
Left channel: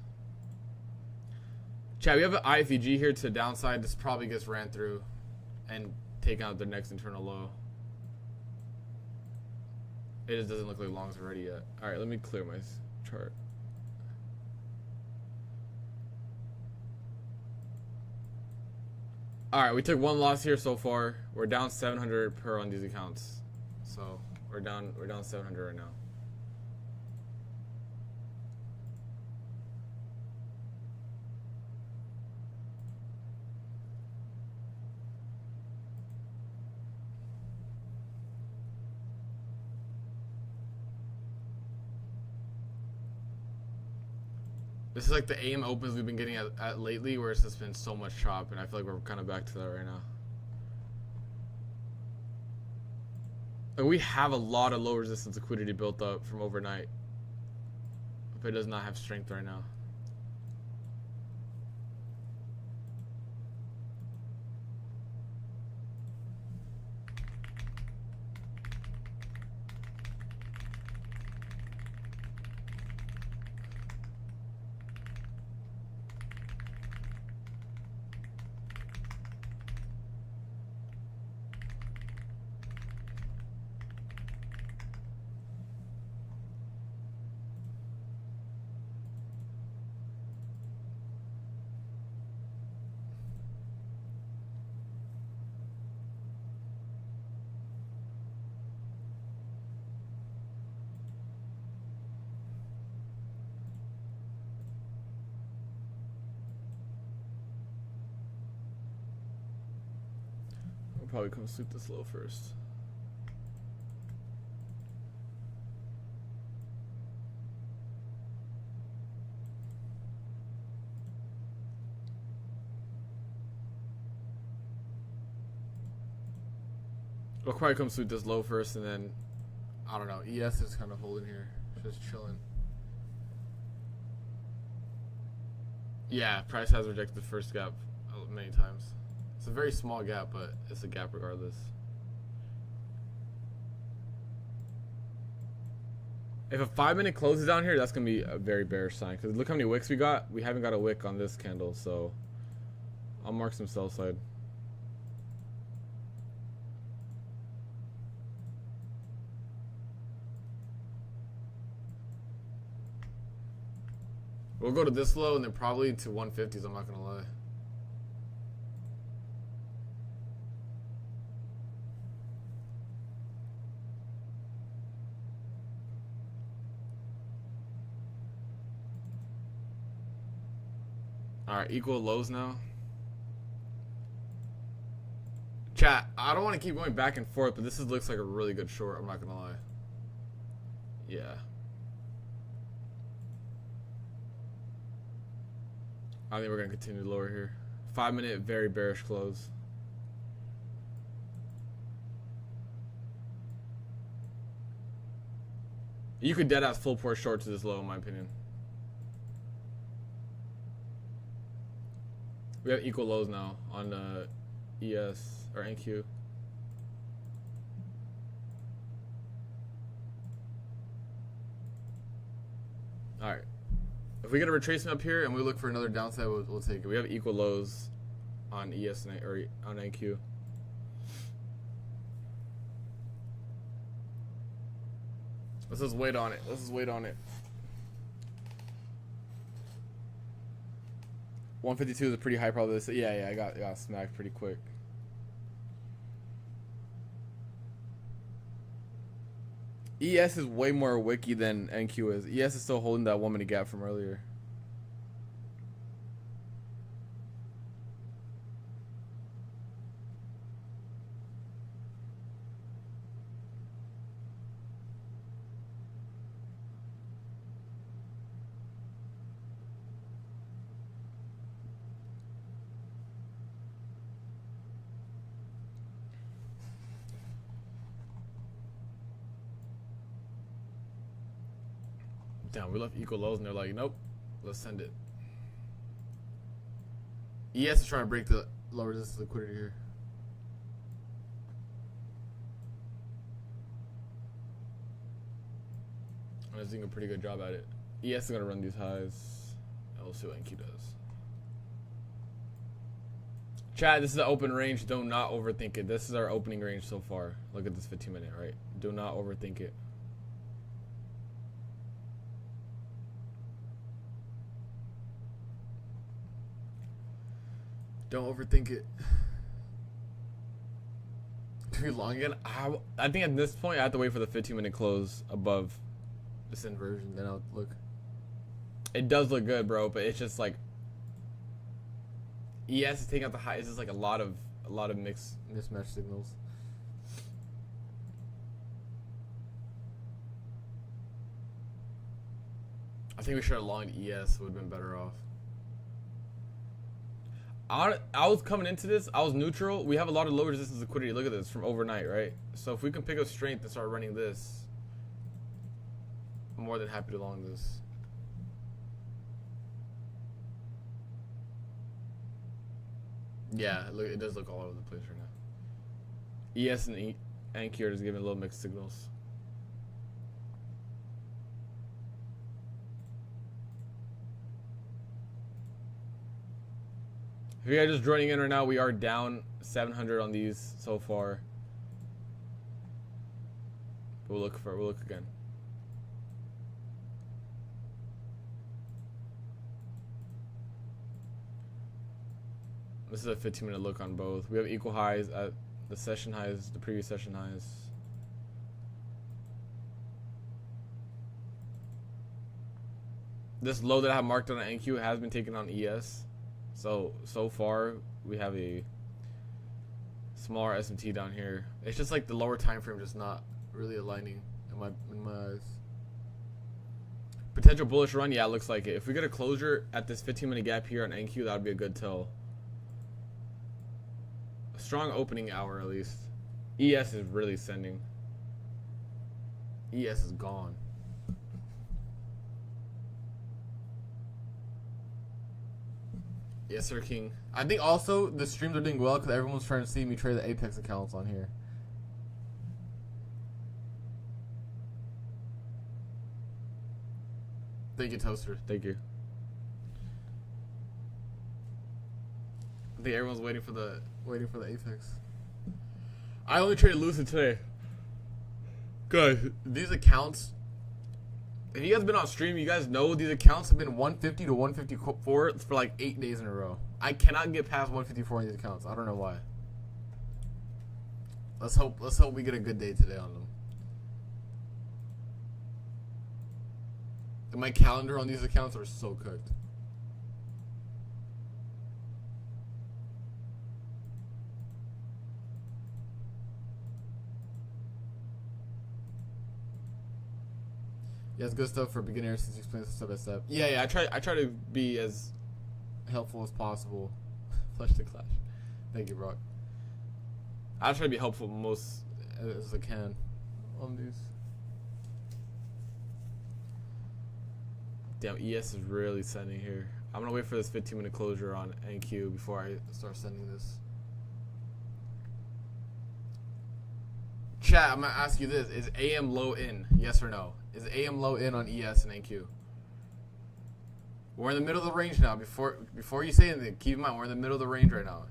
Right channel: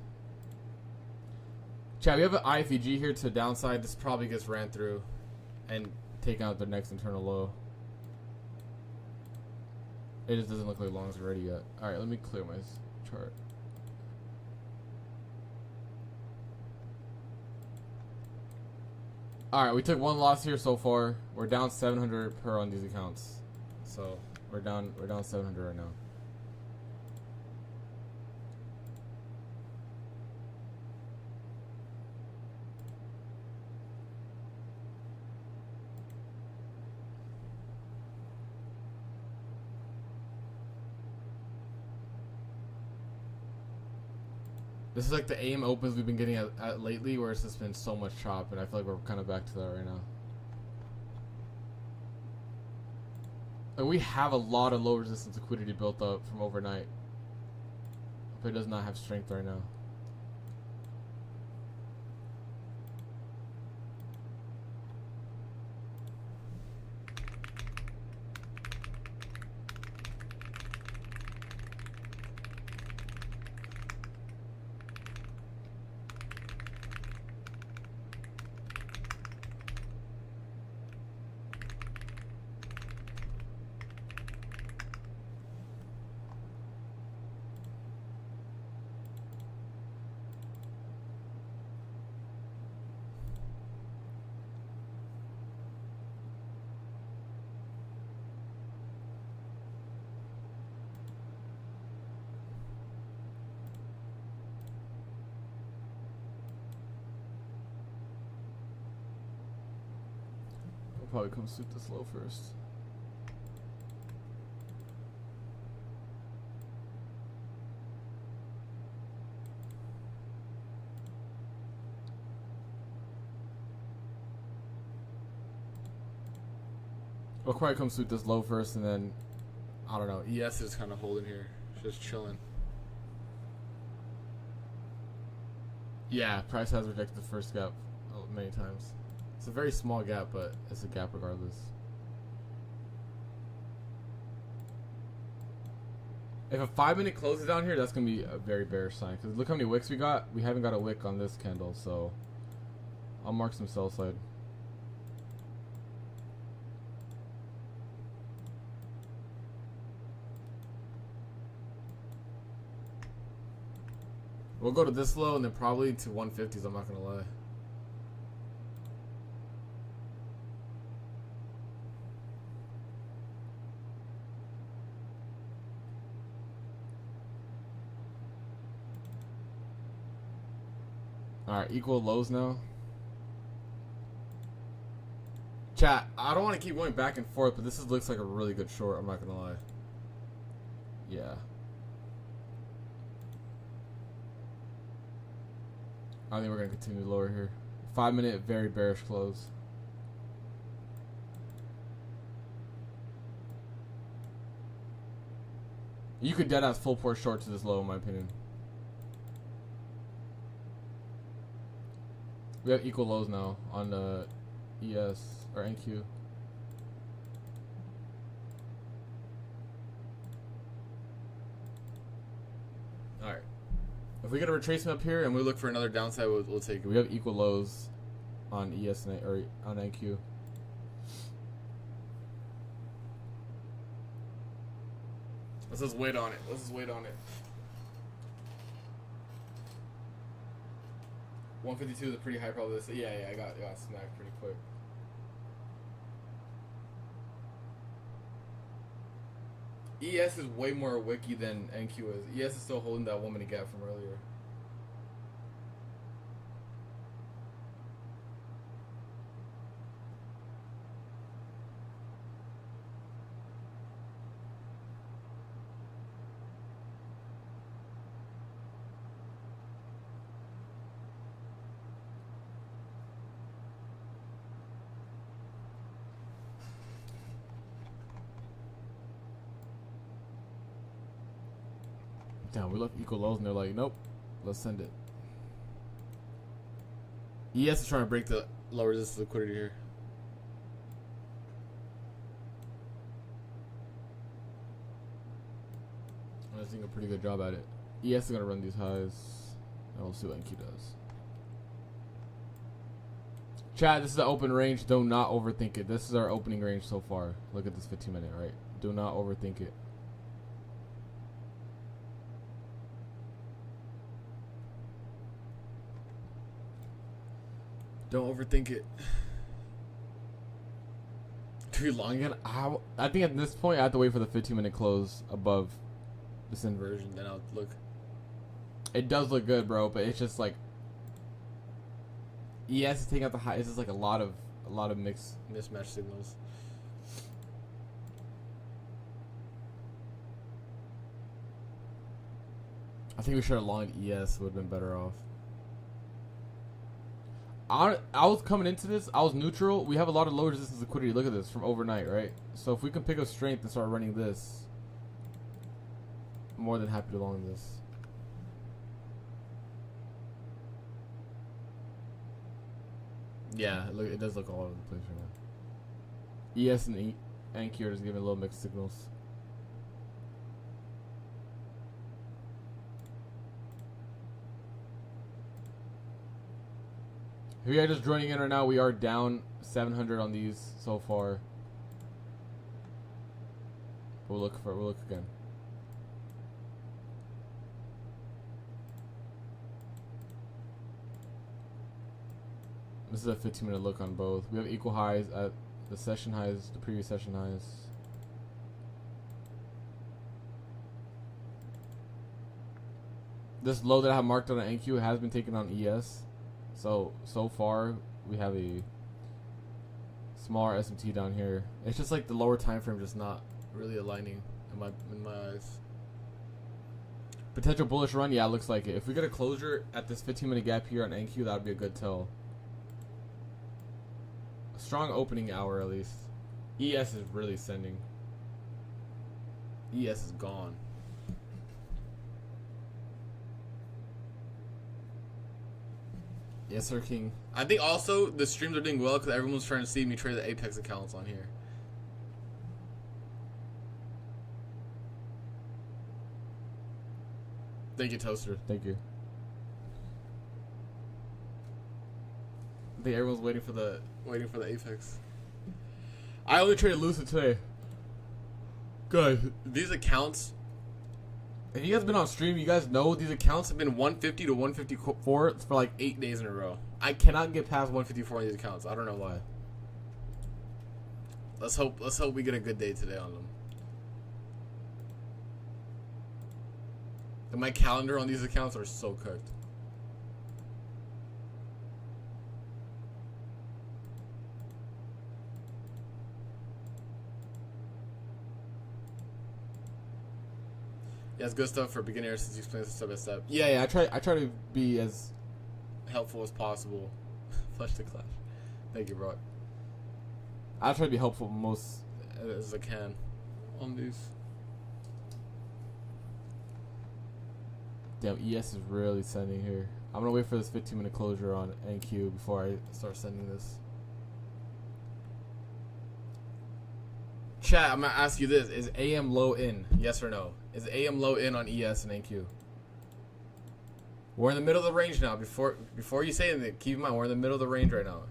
Chat, we have an IFEG here to the downside. This probably gets ran through and take out their next internal low. It just doesn't look like longs are ready yet. Alright, let me clear my chart. Alright, we took one loss here so far. We're down 700 per on these accounts. So we're down 700 right now. This is like the AM opens we've been getting at lately, where it's just been so much chop, and I feel like we're kind of back to that right now. And we have a lot of low resistance liquidity built up from overnight, but it does not have strength right now. Probably come sweep this low first. We'll probably come through this low first, and then I don't know. ES is kind of holding here, just chilling. Yeah, price has rejected the first gap many times. It's a very small gap, but it's a gap regardless. If a 5-minute closes down here, that's gonna be a very bearish sign. Because look how many wicks we got. We haven't got a wick on this candle, so I'll mark some sell side. We'll go to this low and then probably to 150s. I'm not gonna lie. Alright, equal lows now. Chat, I don't want to keep going back and forth, but this looks like a really good short. I'm not gonna lie. Yeah. I think we're gonna continue lower here. 5-minute, very bearish close. You could dead ass full port short to this low, in my opinion. We have equal lows now on ES or NQ. All right. If we get a retracement up here and we look for another downside, we'll take it. We have equal lows on ES or on NQ. Let's just wait on it. Let's just wait on it. 152 is a pretty high probability. Yeah, I got smacked pretty quick. ES is way more wicky than NQ is. ES is still holding that 1-minute gap from earlier. Damn, we left equal lows and they're like, nope, let's send it. ES is trying to break the low resistance liquidity here. I was doing a pretty good job at it. ES is going to run these highs, and we'll see what NQ does. Chat, this is an open range. Do not overthink it. This is our opening range so far. Look at this 15-minute, right? Do not overthink it. Don't overthink it. To be long again? I think at this point I have to wait for the 15-minute close above this inversion. Then I'll look. It does look good, bro, but it's just like ES taking out the high. It's just like a lot of mismatch signals. I think we should have longed ES. Would have been better off. I was coming into this, I was neutral. We have a lot of low resistance liquidity. Look at this from overnight, right? So if we can pick up strength and start running this, I'm more than happy to long this. Yeah, look, it does look all over the place right now. ES and NQ are just giving a little mixed signals. If you guys are just joining in right now, we are down 700 on these so far. We'll look again. This is a 15-minute look on both. We have equal highs at the session highs, the previous session highs. This low that I have marked on an NQ has been taken on ES. So far we have a smaller S&T down here. It's just like the lower time frame just not really aligning in my eyes. Potential bullish run, yeah, it looks like it. If we get a closure at this 15-minute gap here on NQ, that would be a good tell. A strong opening hour at least. ES is really sending. ES is gone. Yes, sir, King. I think also the streams are doing well because everyone's trying to see me trade the Apex accounts on here. Thank you, Toaster. Thank you. I think everyone's waiting for the Apex. I only traded Lucid today. Guys, these accounts. If you guys been on stream, you guys know these accounts have been 150 to 154 for like 8 days in a row. I cannot get past 154 on these accounts. I don't know why. Let's hope we get a good day today on them. And my calendar on these accounts are so cooked. Yeah, it's good stuff for beginners since you explain it step by step. Yeah, I try to be as helpful as possible. Flush the clash. Thank you, Brock. I try to be helpful most as I can on these. Damn, ES is really sending here. I'm gonna wait for this 15-minute closure on NQ before I start sending this. Chat, I'm gonna ask you this: is AM low in? Yes or no? Is AM low in on ES and NQ? We're in the middle of the range now. Before you say anything, keep in mind we're in the middle of the range right now.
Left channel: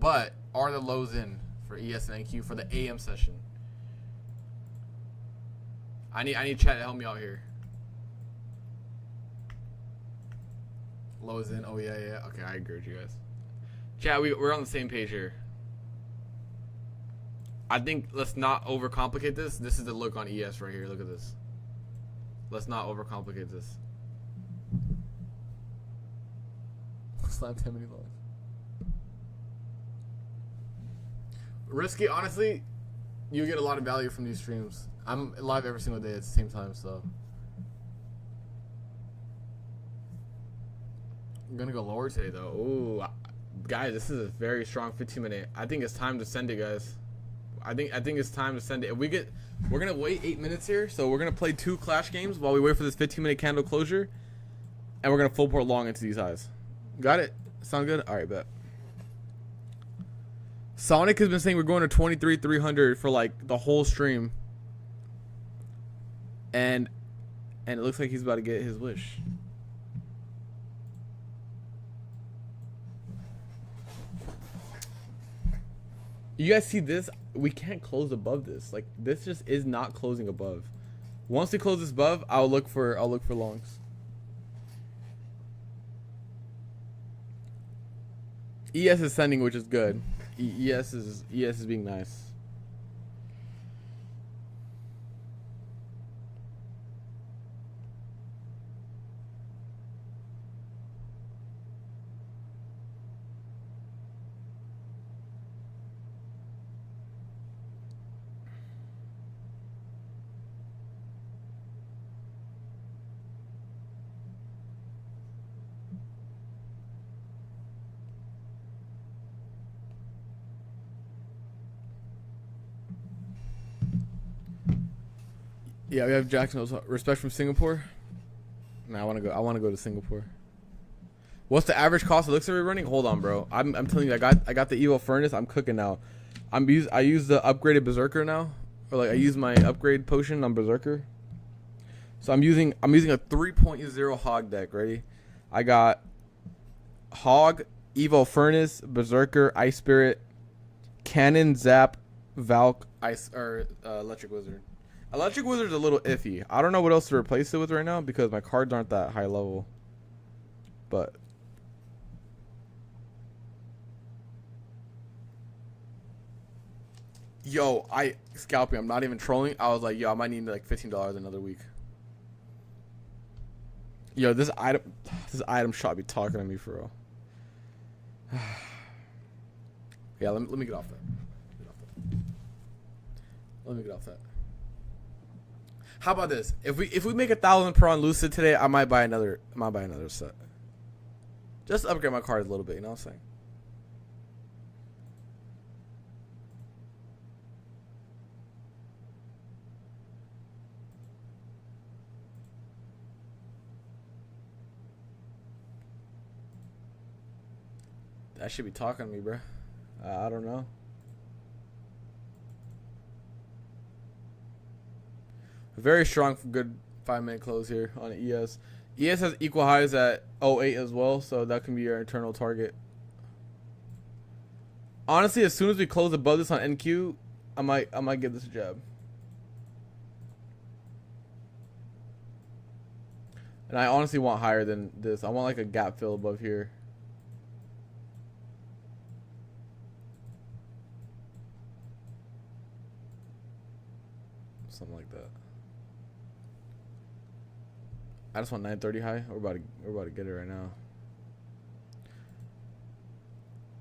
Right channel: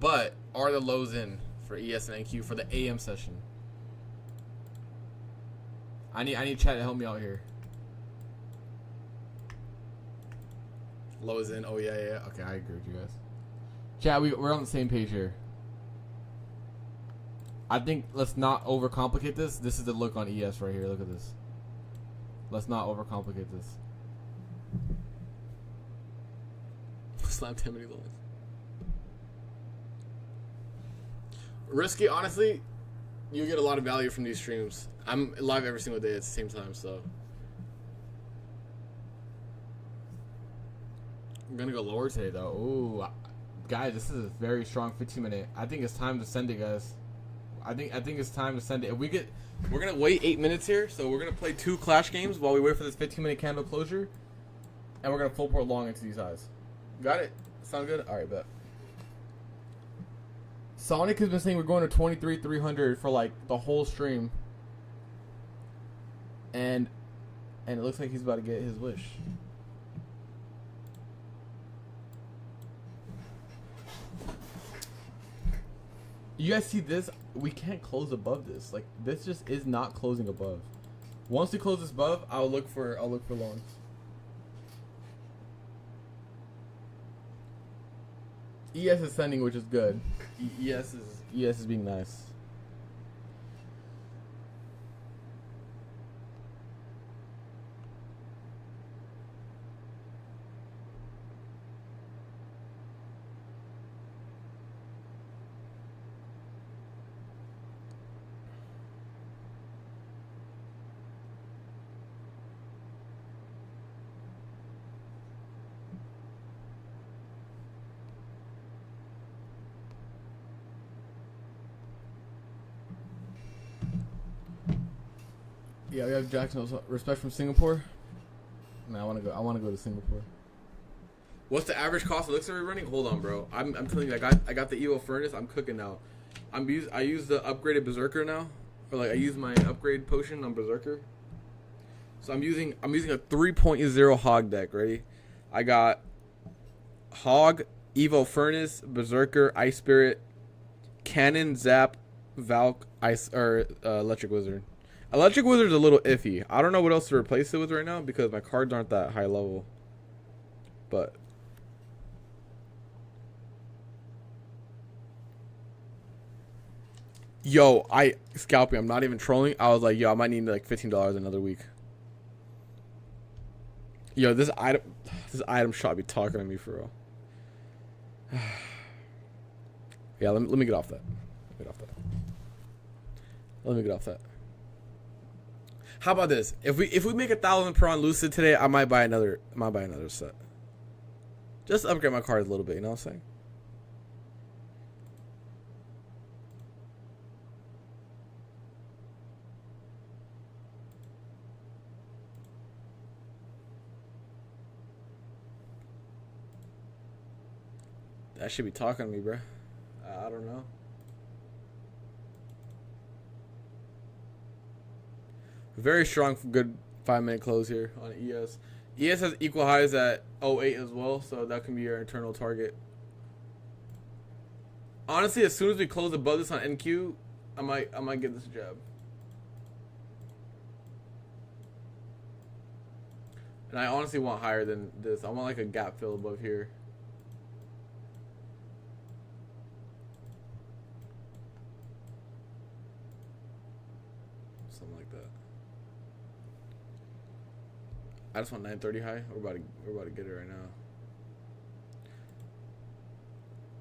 But are the lows in for ES and NQ for the AM session? I need chat to help me out here. Low is in. Oh yeah. Okay, I agree with you guys. Chat, we're on the same page here. I think let's not overcomplicate this. This is the look on ES right here. Look at this. Let's not overcomplicate this. Slam 10 many lines. Risky, honestly, you get a lot of value from these streams. I'm live every single day at the same time, so. I'm gonna go lower today though. Ooh, guys, this is a very strong 15-minute. I think it's time to send it, guys. I think it's time to send it. We're gonna wait 8 minutes here, so we're gonna play 2 clash games while we wait for this 15-minute candle closure, and we're gonna full port long into these highs. Got it? Sound good? All right, bet. Sonic has been saying we're going to 23,300 for like the whole stream, and it looks like he's about to get his wish. You guys see this? We can't close above this. Like, this just is not closing above. Once we close this above, I'll look for longs. ES is sending, which is good. ES is being nice. Yeah, we have Jackson. Respect from Singapore. Nah, I want to go to Singapore. What's the average cost of Elixir we're running? Hold on, bro. I'm telling you, I got the Evo furnace. I'm cooking now. I use the upgraded Berserker now, or like I use my upgrade potion on Berserker. So I'm using a 3.0 Hog deck. Ready? I got Hog, Evo furnace, Berserker, Ice Spirit, Cannon, Zap, Valk, Electric Wizard. Electric Wizard's a little iffy. I don't know what else to replace it with right now because my cards aren't that high level. But yo, scalping. I'm not even trolling. I was like, yo, I might need like $15 another week. Yo, this item shot be talking to me for real. Yeah, let me get off that. Let me get off that. How about this? If we make 1,000 per on Lucid today, I might buy another set. Just upgrade my card a little bit, you know what I'm saying? That should be talking to me, bro. I don't know. Very strong, good 5-minute close here on ES. ES has equal highs at 08 as well, so that can be your internal target. Honestly, as soon as we close above this on NQ, I might give this a jab. And I honestly want higher than this. I want like a gap fill above here. Something like that. I just want 930 high. We're about to get it right now.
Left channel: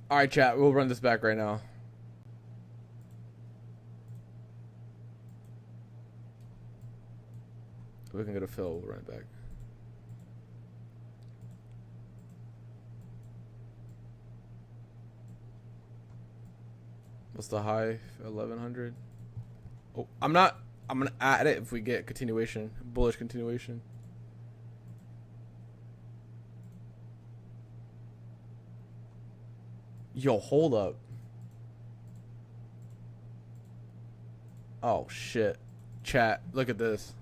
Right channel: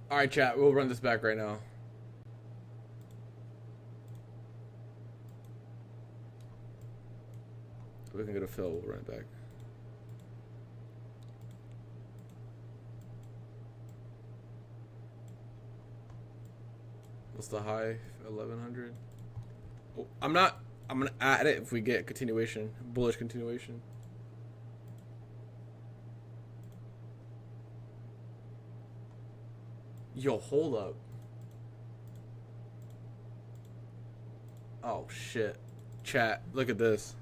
All right, chat. We'll run this back right now. If we can get a fill, we'll run it back. What's the high? 1100. Oh, I'm gonna add it if we get continuation, bullish continuation. Yo, hold up. Oh shit. Chat, look at this.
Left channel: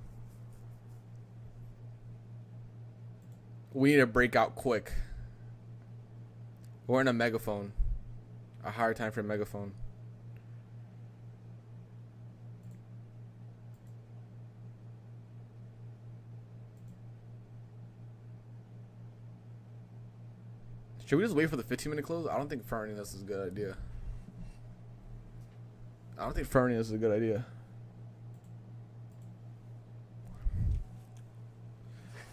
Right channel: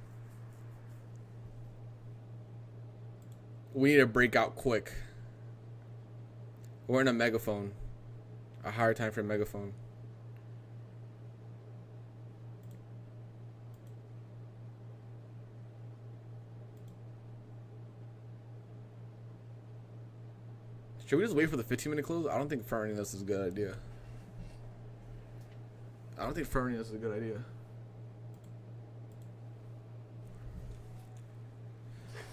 We need a breakout quick. We're in a megaphone. A higher time for a megaphone. Should we just wait for the 15-minute close? I don't think fronting this is a good idea. I don't think fronting this is a good idea.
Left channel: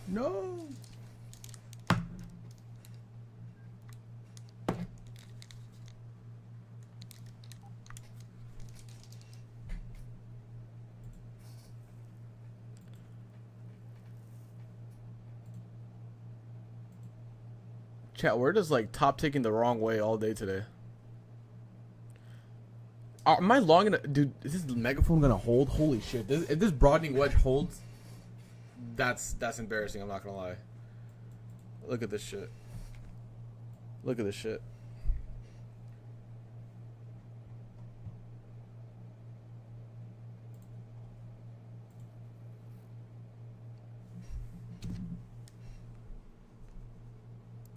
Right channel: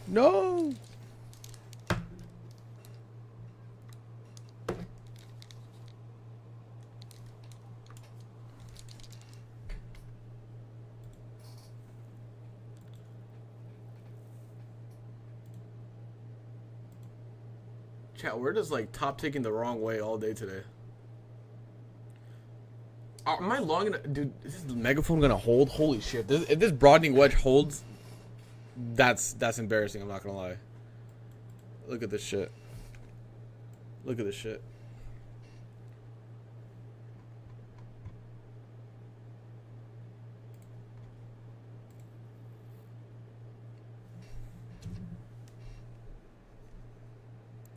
No! Chat, we're just like top taking the wrong way all day today. Am I long enough? Dude, is this megaphone gonna hold? Holy shit. If this broadening wedge holds, that's embarrassing, I'm not gonna lie. Look at this shit. Look at this shit.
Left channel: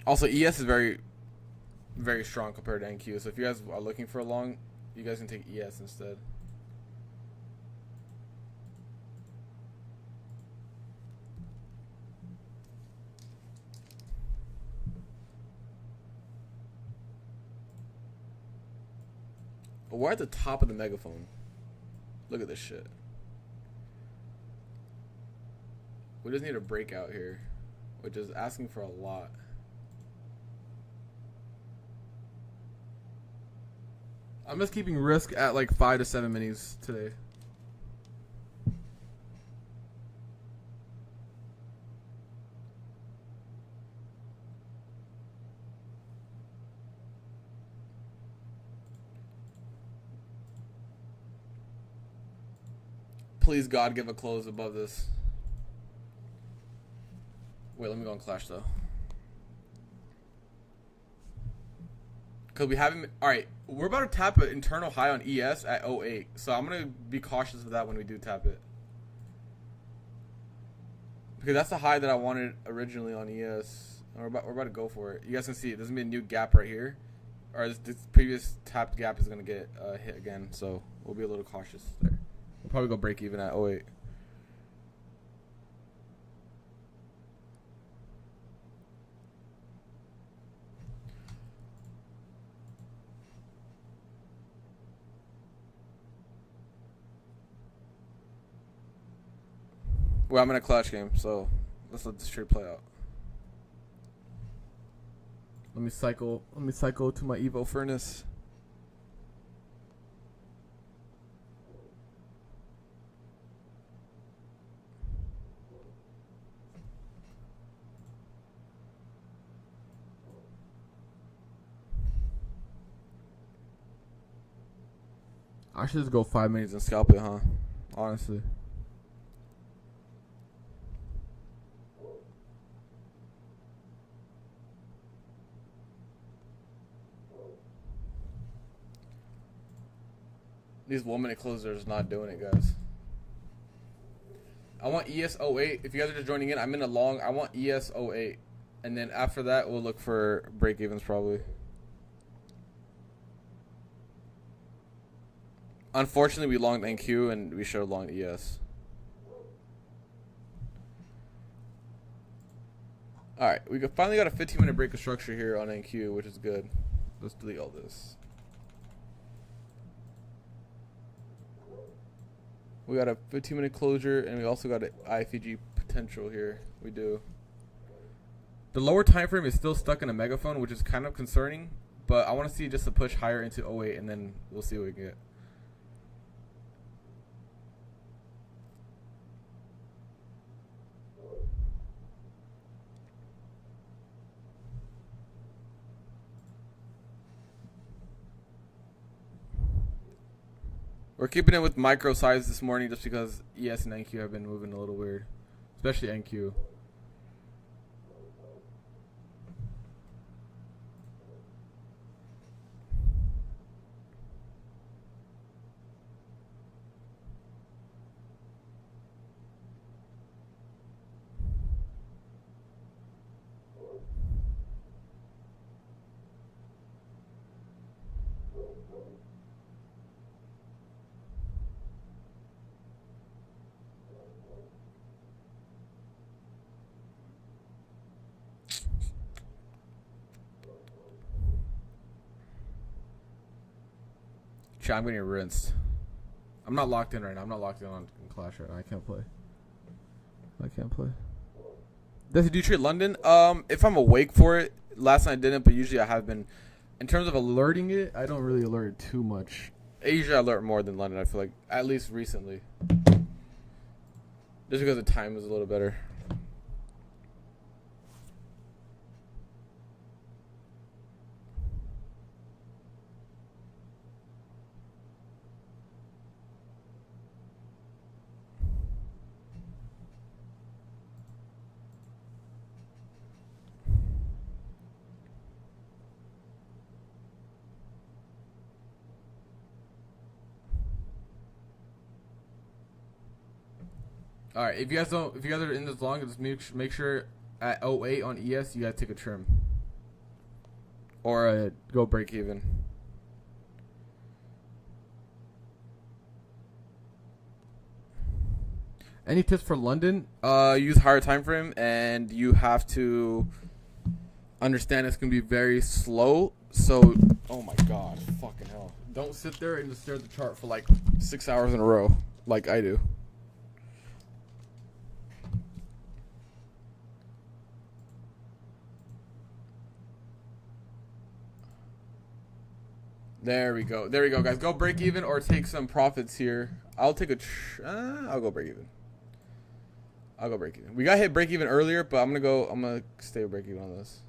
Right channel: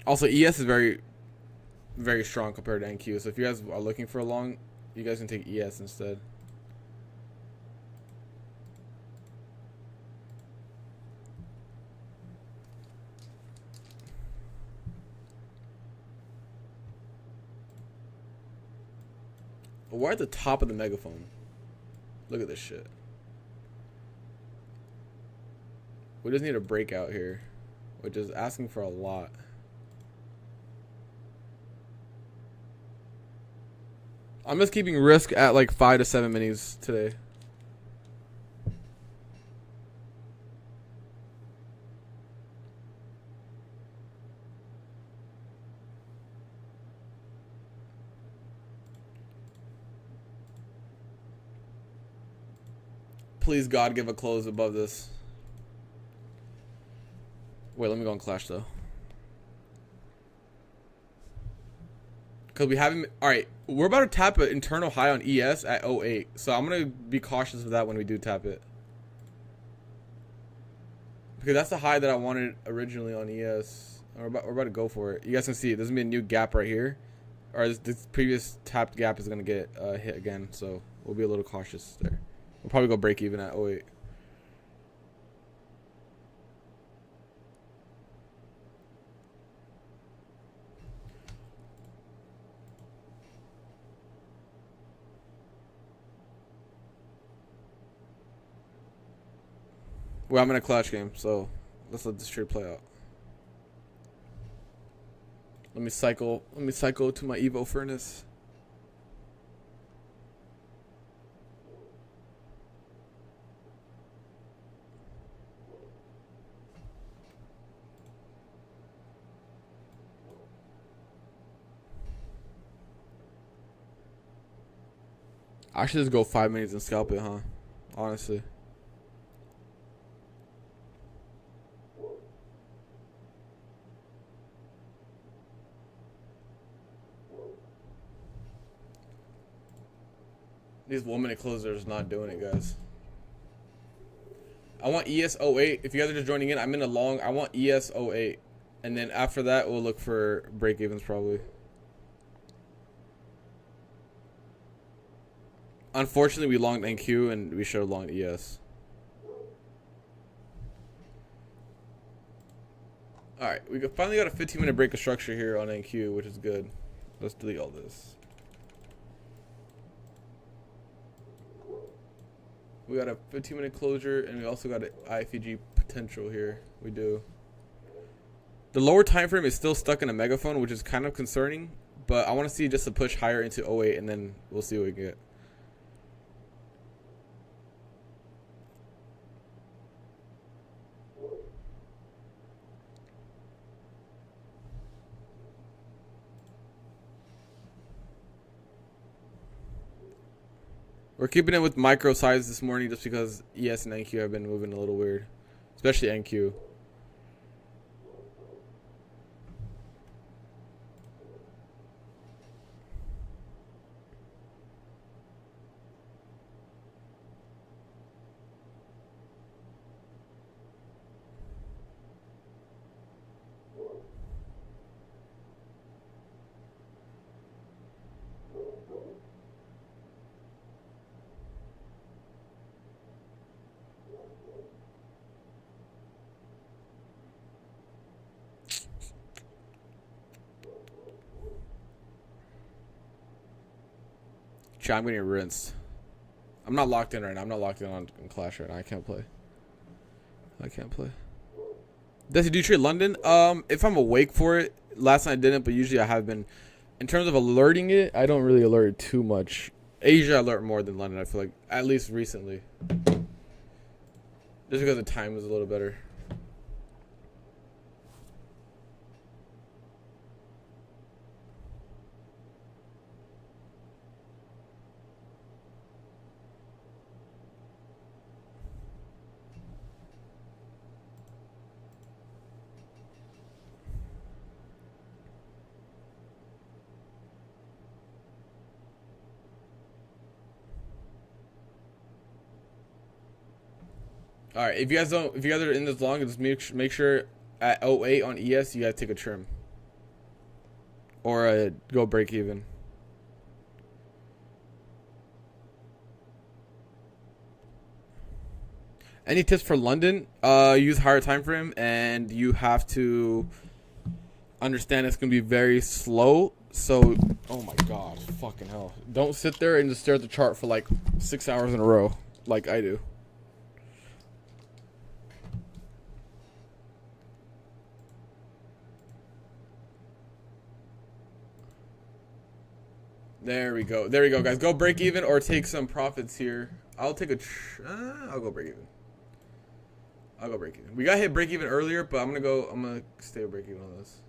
Also, ES is very, very strong compared to NQ. So if you guys are looking for a long, you guys can take ES instead. We're at the top of the megaphone. Look at this shit. We just need a breakout here, which is asking for a lot. I'm just keeping risk at like 5 to 7 minis today. Please, God, give a close above this. Wait, let me go on Clash though. Because we haven't... Alright, we're about to tap an internal high on ES at 08. So I'm going to be cautious of that when we do tap it. Because that's the high that I wanted originally on ES. We're about to go for it. You guys can see there's going to be a new gap right here. Or this previous tapped gap is going to get hit again. So we'll be a little cautious there. We'll probably go break even at 08. Well, I'm in a clutch game, so let's let this trade play out. Let me cycle to my Evo furnace. I should just go 5 minutes and scalp it, huh? Honestly. These 1 minute closers not doing it, guys. I want ES08. If you guys are just joining in, I'm in a long. I want ES08. And then after that, we'll look for break evens probably. Unfortunately, we longed NQ and we should have longed ES. Alright, we finally got a 15-minute break of structure here on NQ, which is good. Let's delete all this. We got a 15-minute closure, and we also got an IFEG potential here. We do. The lower time frame is still stuck in a megaphone, which is kind of concerning, but I want to see just a push higher into 08, and then we'll see what we get. We're keeping it with micro size this morning just because ES and NQ have been moving a little weird, especially NQ. I'm getting rinsed. I'm not locked in right now. I'm not locked in on Clash right now. I can't play. Does he do trade London? If I'm awake for it. Last night I didn't, but usually I have been. In terms of alerting it, I don't really alert it too much. Asia I alert more than London, I feel like. At least recently. Just because the time is a little better. All right, if you guys are in this long, just make sure at 08 on ES you guys take a trim or go break even. Any tips for London? Use higher time frame, and you have to understand it's gonna be very slow. So, oh my god, fucking hell! Don't sit there and just stare at the chart for like 6 hours in a row, like I do. There we go, guys. Go break even or take some profits here. I'll take I'll go break even. We got hit break even earlier, but I'm gonna stay with break even on this.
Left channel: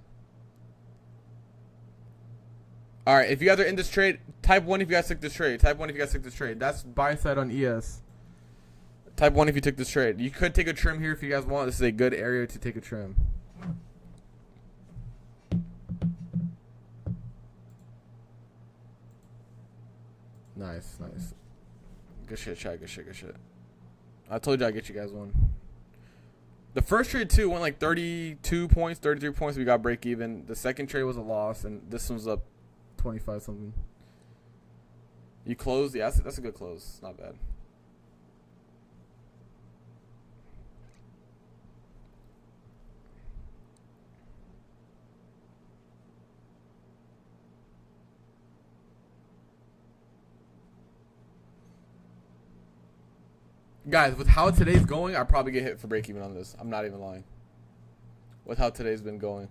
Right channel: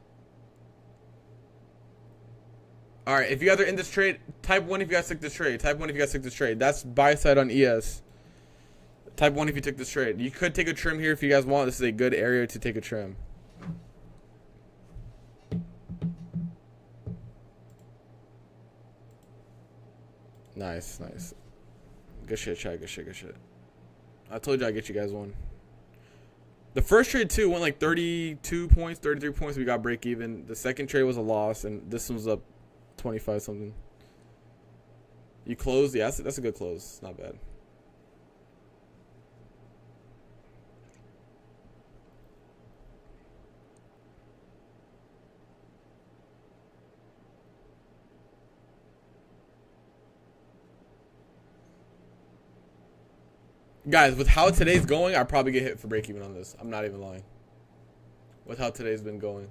All right, if you guys are in this trade, type 1 if you guys took this trade. That's buy side on ES. Type 1 if you took this trade. You could take a trim here if you guys want. This is a good area to take a trim. Nice. Good shit, chat. Good shit. I told you I'd get you guys one. The first trade, too, went like 32 points, 33 points. We got break even. The second trade was a loss, and this one's up 25 something. You closed? Yeah, that's a good close. Not bad. Guys, with how today's going, I'll probably get hit for break even on this. I'm not even lying. With how today's been going.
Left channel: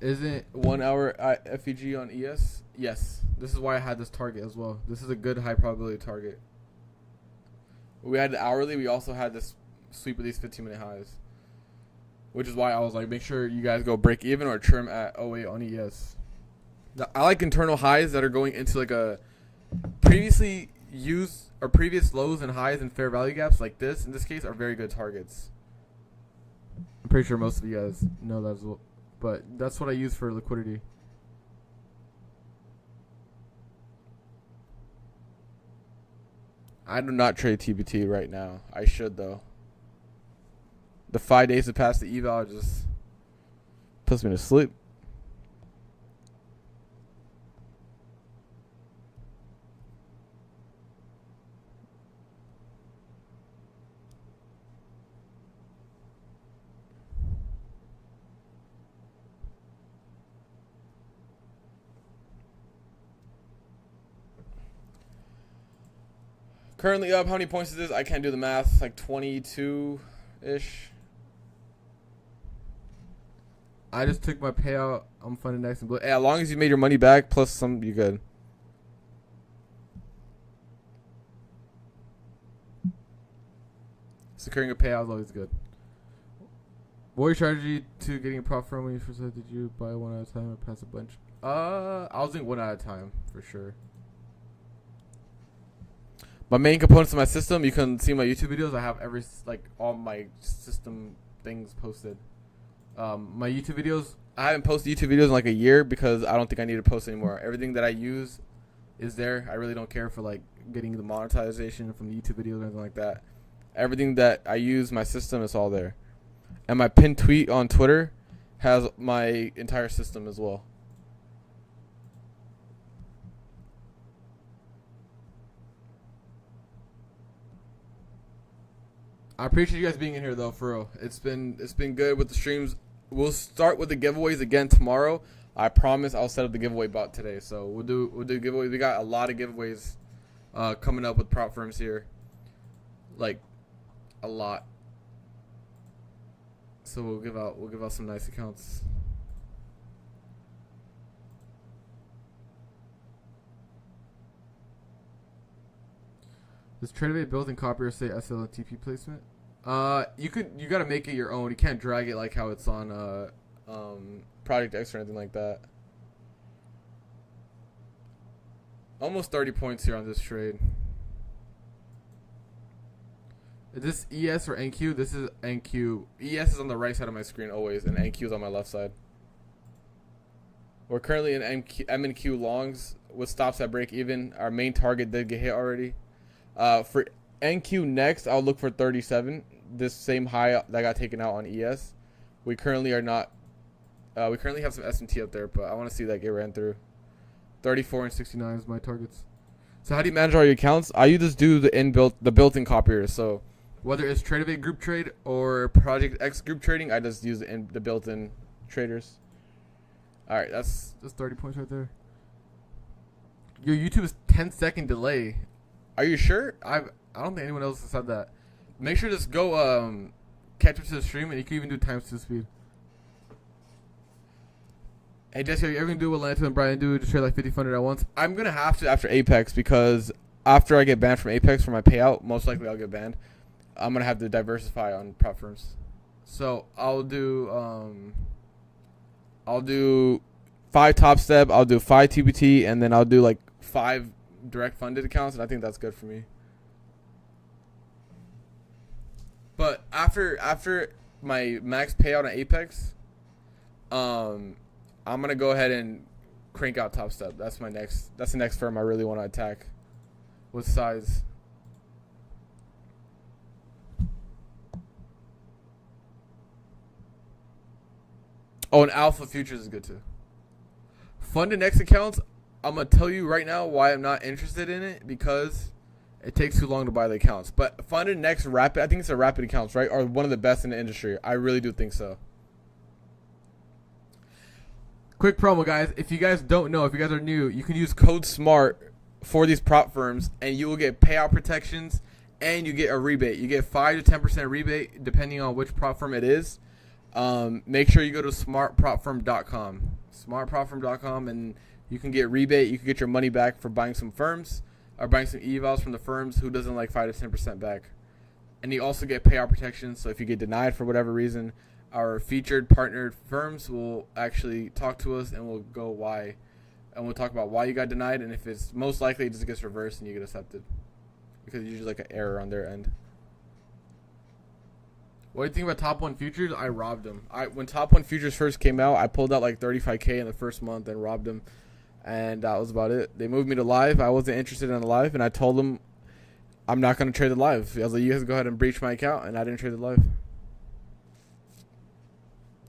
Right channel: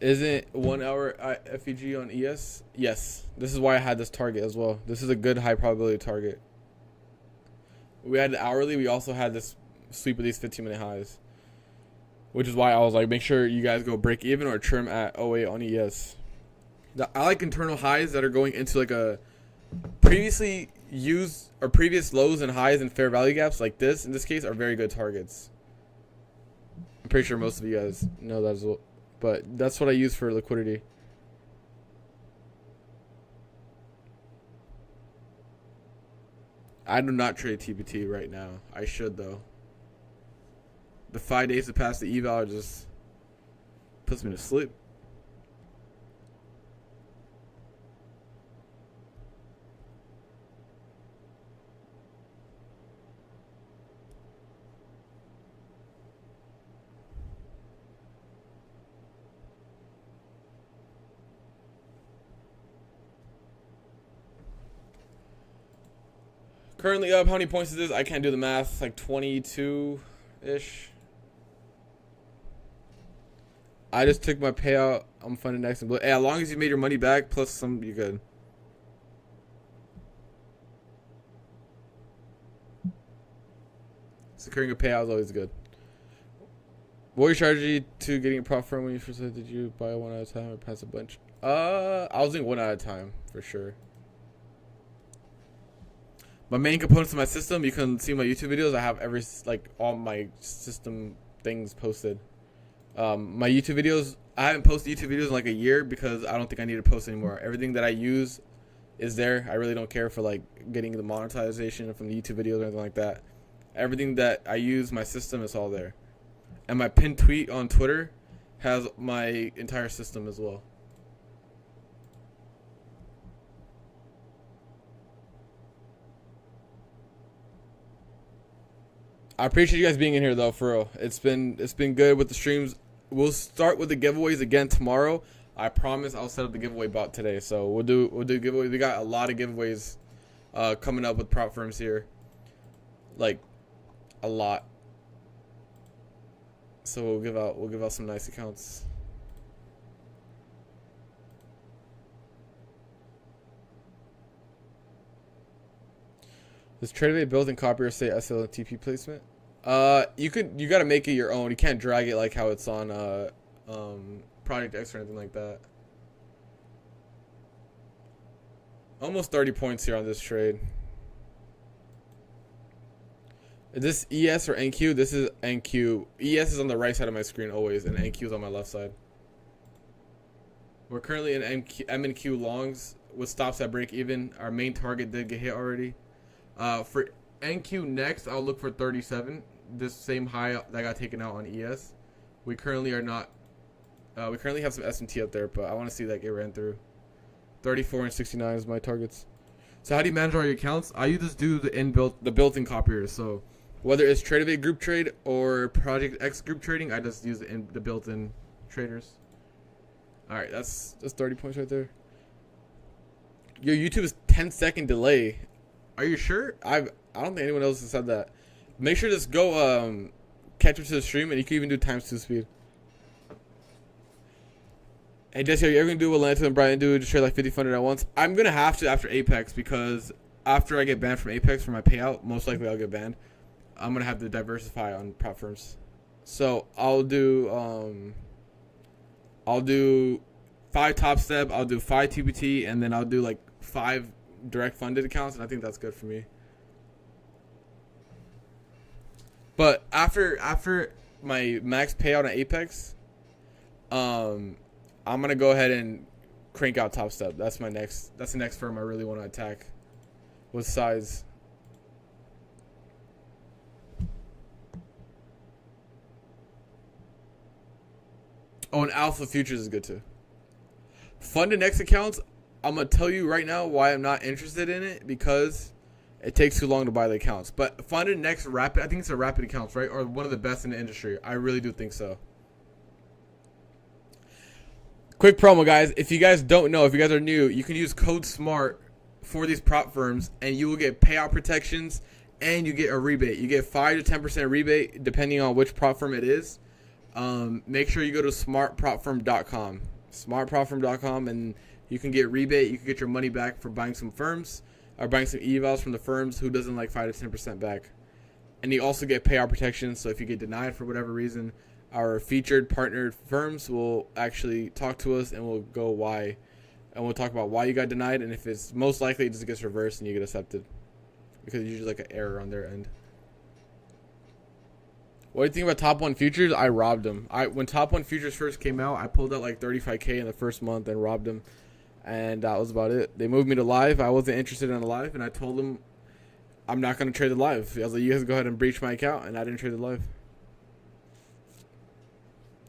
Isn't 1 hour FEG on ES? Yes. This is why I had this target as well. This is a good high probability target. We had the hourly. We also had this sweep of these 15-minute highs. Which is why I was like, make sure you guys go break even or trim at 08 on ES. I like internal highs that are going into like a previously used or previous lows and highs and fair value gaps like this. In this case, are very good targets. I'm pretty sure most of you guys know that as well. But that's what I use for liquidity. I do not trade TBT right now. I should, though. The 5 days to pass the eval just puts me to sleep. Currently up, how many points is this? I can't do the math. Like 22-ish. I just took my payout. I'm funding next. Hey, as long as you made your money back plus some, you good. Securing a payout is always good. What was your strategy to getting a profit from when you first said? Did you buy one at a time or pass a bunch? I was doing one at a time for sure. My main components of my system, you can see my YouTube videos. I have all my system things posted. My YouTube videos, I haven't posted YouTube videos in like a year because I don't think I need to post anymore. Everything that I use is there. I really don't care for like getting the monetization from the YouTube videos or anything like that. Everything that I use, my system, is all there. And my pinned tweet on Twitter has my entire system as well. I appreciate you guys being in here though, for real. It's been good with the streams. We'll start with the giveaways again tomorrow. I promise I'll set up the giveaway bot today. So we'll do giveaways. We got a lot of giveaways coming up with prop firms here. Like a lot. So we'll give out some nice accounts. Does TradeAway built-in copier say SL and TP placement? You gotta make it your own. You can't drag it like how it's on Project X or anything like that. Almost 30 points here on this trade. Is this ES or NQ? This is NQ. ES is on the right side of my screen always, and NQ is on my left side. We're currently in M and Q longs with stops at break even. Our main target did get hit already. For NQ next, I'll look for 37. This same high that got taken out on ES. We currently are not. We currently have some S&T up there, but I want to see that get ran through. 34 and 69 is my targets. So how do you manage all your accounts? I just do the built-in copiers. So whether it's TradeAway group trade or Project X group trading, I just use the built-in traders. All right, that's 30 points right there. Your YouTube is 10-second delay. Are you sure? I don't think anyone else has said that. Make sure to just go catch up to the stream, and you can even do ×2 speed. Hey Jesse, are you ever gonna do what Lance and Brian do? Just trade like 50 funded at once? I'm gonna have to after Apex, because after I get banned from Apex for my payout, most likely I'll get banned. I'm gonna have to diversify on prop firms. So I'll do 5 top step, I'll do 5 TBT, and then I'll do like 5 direct funded accounts, and I think that's good for me. But after my max payout on Apex, I'm gonna go ahead and crank out top step. That's the next firm I really want to attack with size. Oh, and Alpha Futures is good too. Funded Next accounts, I'm going to tell you right now why I'm not interested in it, because it takes too long to buy the accounts. But Funded Next Rapid, I think it's a Rapid accounts, right? Are one of the best in the industry. I really do think so. Quick promo, guys. If you guys don't know, if you guys are new, you can use code SMART for these prop firms, and you will get payout protections, and you get a rebate. You get 5 to 10% rebate depending on which prop firm it is. Make sure you go to smartpropfirm.com. Smartpropfirm.com, and you can get rebate. You can get your money back for buying some firms or buying some evals from the firms who doesn't like 5 to 10% back. And you also get payout protection. So if you get denied for whatever reason, our featured partnered firms will actually talk to us and we'll go why and we'll talk about why you got denied, and if it's most likely it just gets reversed and you get accepted, because it's usually like an error on their end. What do you think about Top 1 futures? I robbed them. When Top 1 futures first came out, I pulled out like 35K in the first month and robbed them. And that was about it. They moved me to live. I wasn't interested in the live. And I told them I'm not going to trade the live. I was like, you guys go ahead and breach my account. And I didn't trade the live.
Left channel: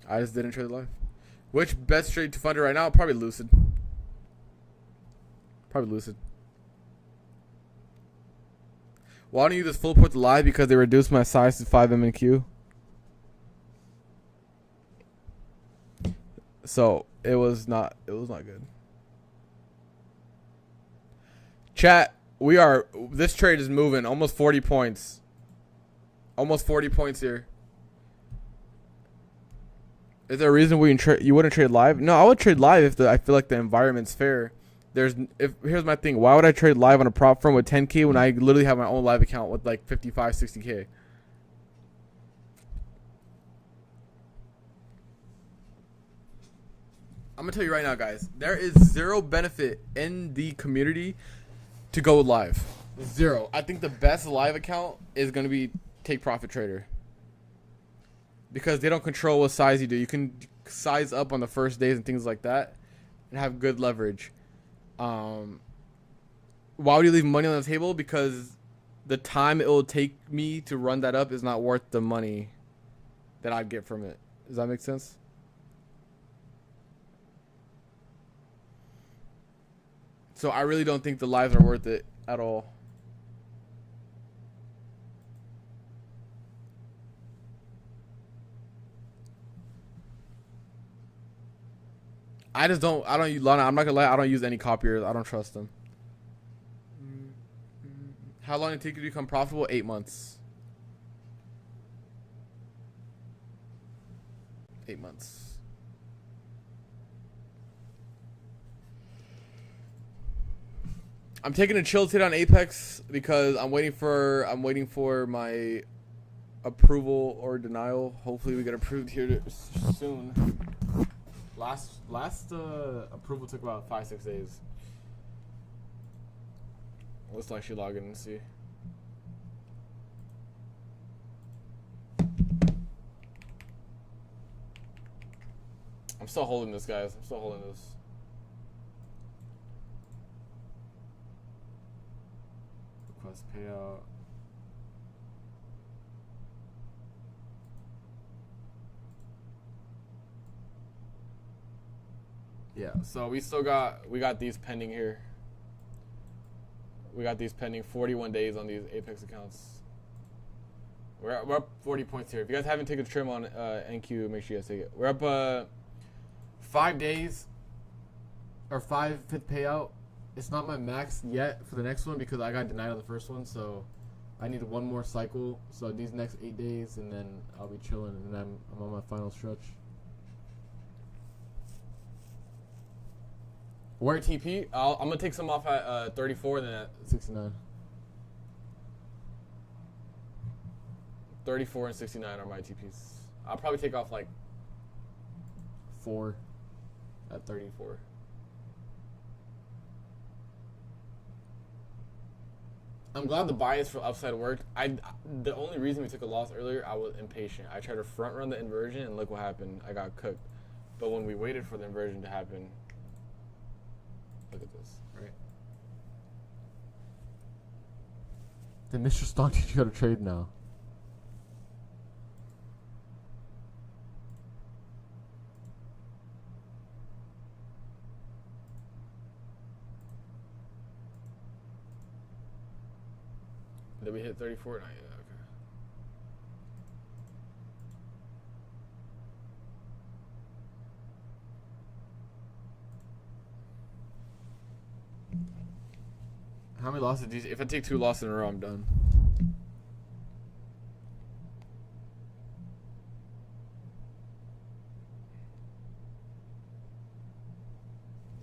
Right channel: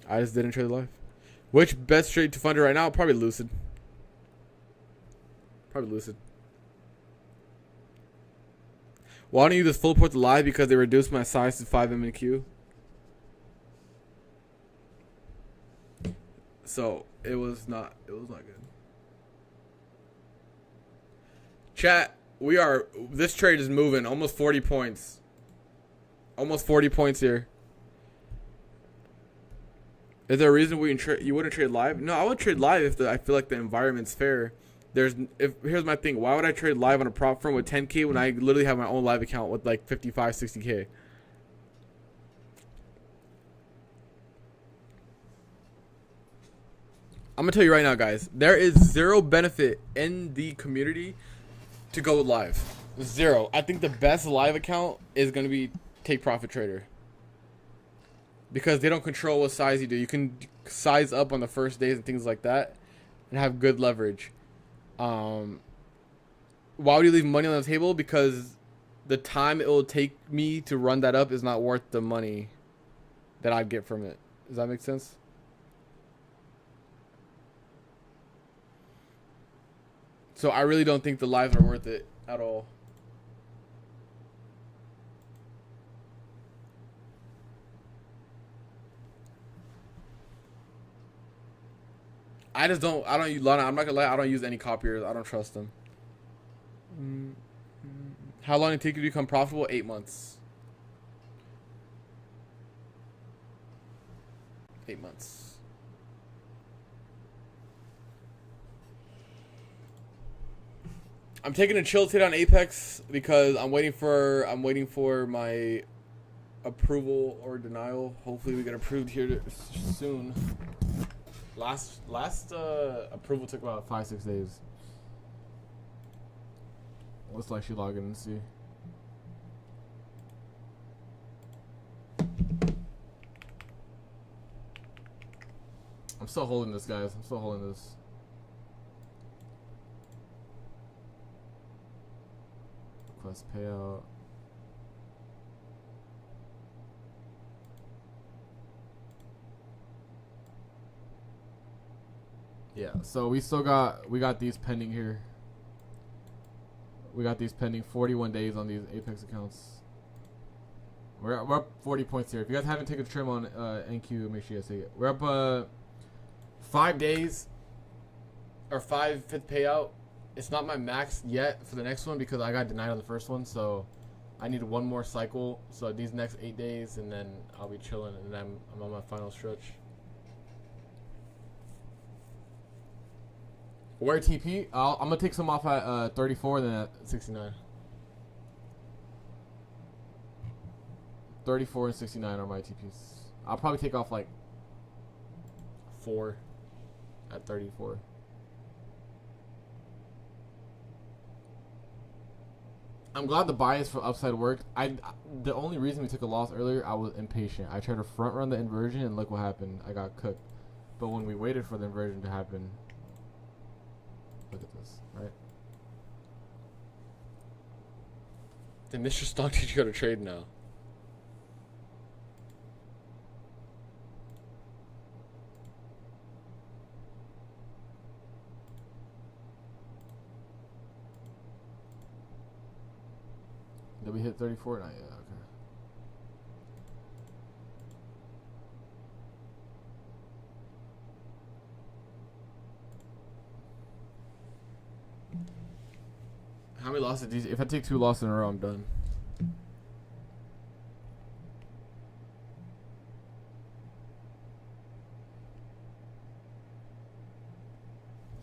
I just didn't trade the live. Which best trade to fund it right now? Probably Lucid. Probably Lucid. Why don't you just full port the live? Because they reduced my size to 5 MNQ. So it was not good. Chat, this trade is moving almost 40 points. Almost 40 points here. Is there a reason you wouldn't trade live? No, I would trade live if I feel like the environment's fair. Here's my thing. Why would I trade live on a prop firm with 10K when I literally have my own live account with like 55, 60K? I'm going to tell you right now, guys. There is zero benefit in the community to go live. Zero. I think the best live account is going to be Take Profit Trader. Because they don't control what size you do. You can size up on the first days and things like that and have good leverage. Why would you leave money on the table? Because the time it will take me to run that up is not worth the money that I'd get from it. Does that make sense? So I really don't think the lives are worth it at all. I don't use Lana. I'm not gonna lie. I don't use any copiers. I don't trust them. How long did it take you to become profitable? 8 months. 8 months. I'm taking a chill today on Apex because I'm waiting for my approval or denial. Hopefully we get approved here soon. Last approval took about 5-6 days. Let's actually log in and see. I'm still holding this, guys. I'm still holding this. Request payout. Yeah, so we got these pending here. We got these pending 41 days on these Apex accounts. We're up 40 points here. If you guys haven't taken a trim on NQ, make sure you guys take it. We're up 5 days or 5/5 payout. It's not my max yet for the next one because I got denied on the first one, so I need one more cycle. So these next 8 days, and then I'll be chilling, and then I'm on my final stretch. Where TP? I'm gonna take some off at 34 and then at 69. 34 and 69 are my TPs. I'll probably take off like 4 at 34. I'm glad the bias for upside worked. The only reason we took a loss earlier, I was impatient. I tried to front run the inversion and look what happened. I got cooked. But when we waited for the inversion to happen, look at this, right? Did Mr. Stone teach you how to trade now? Did we hit 34? Not yet, okay. How many losses do you, if I take 2 losses in a row, I'm done.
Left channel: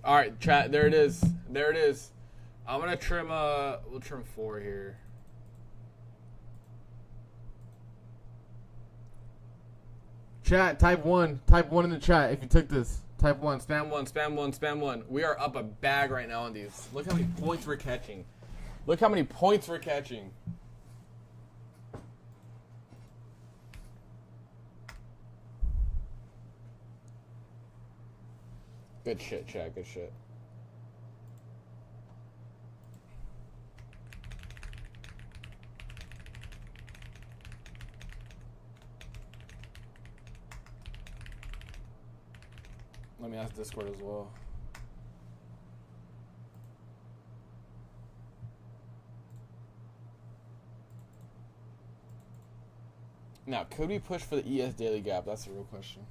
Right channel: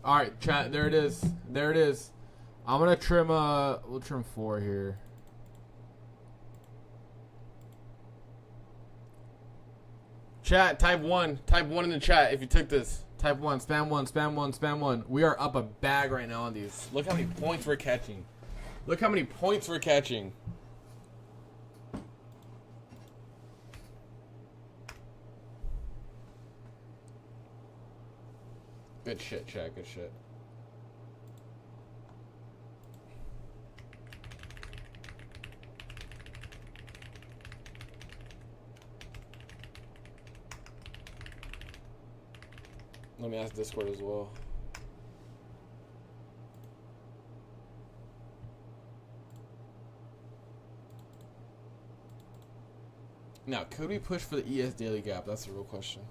Alright, chat, there it is. There it is. I'm gonna trim we'll trim 4 here. Chat, type 1. Type 1 in the chat if you took this. Type 1, spam 1, spam 1, spam 1. We are up a bag right now on these. Look how many points we're catching. Look how many points we're catching. Good shit, chat. Good shit. Let me ask Discord as well. Now, could we push for the ES daily gap? That's the real question.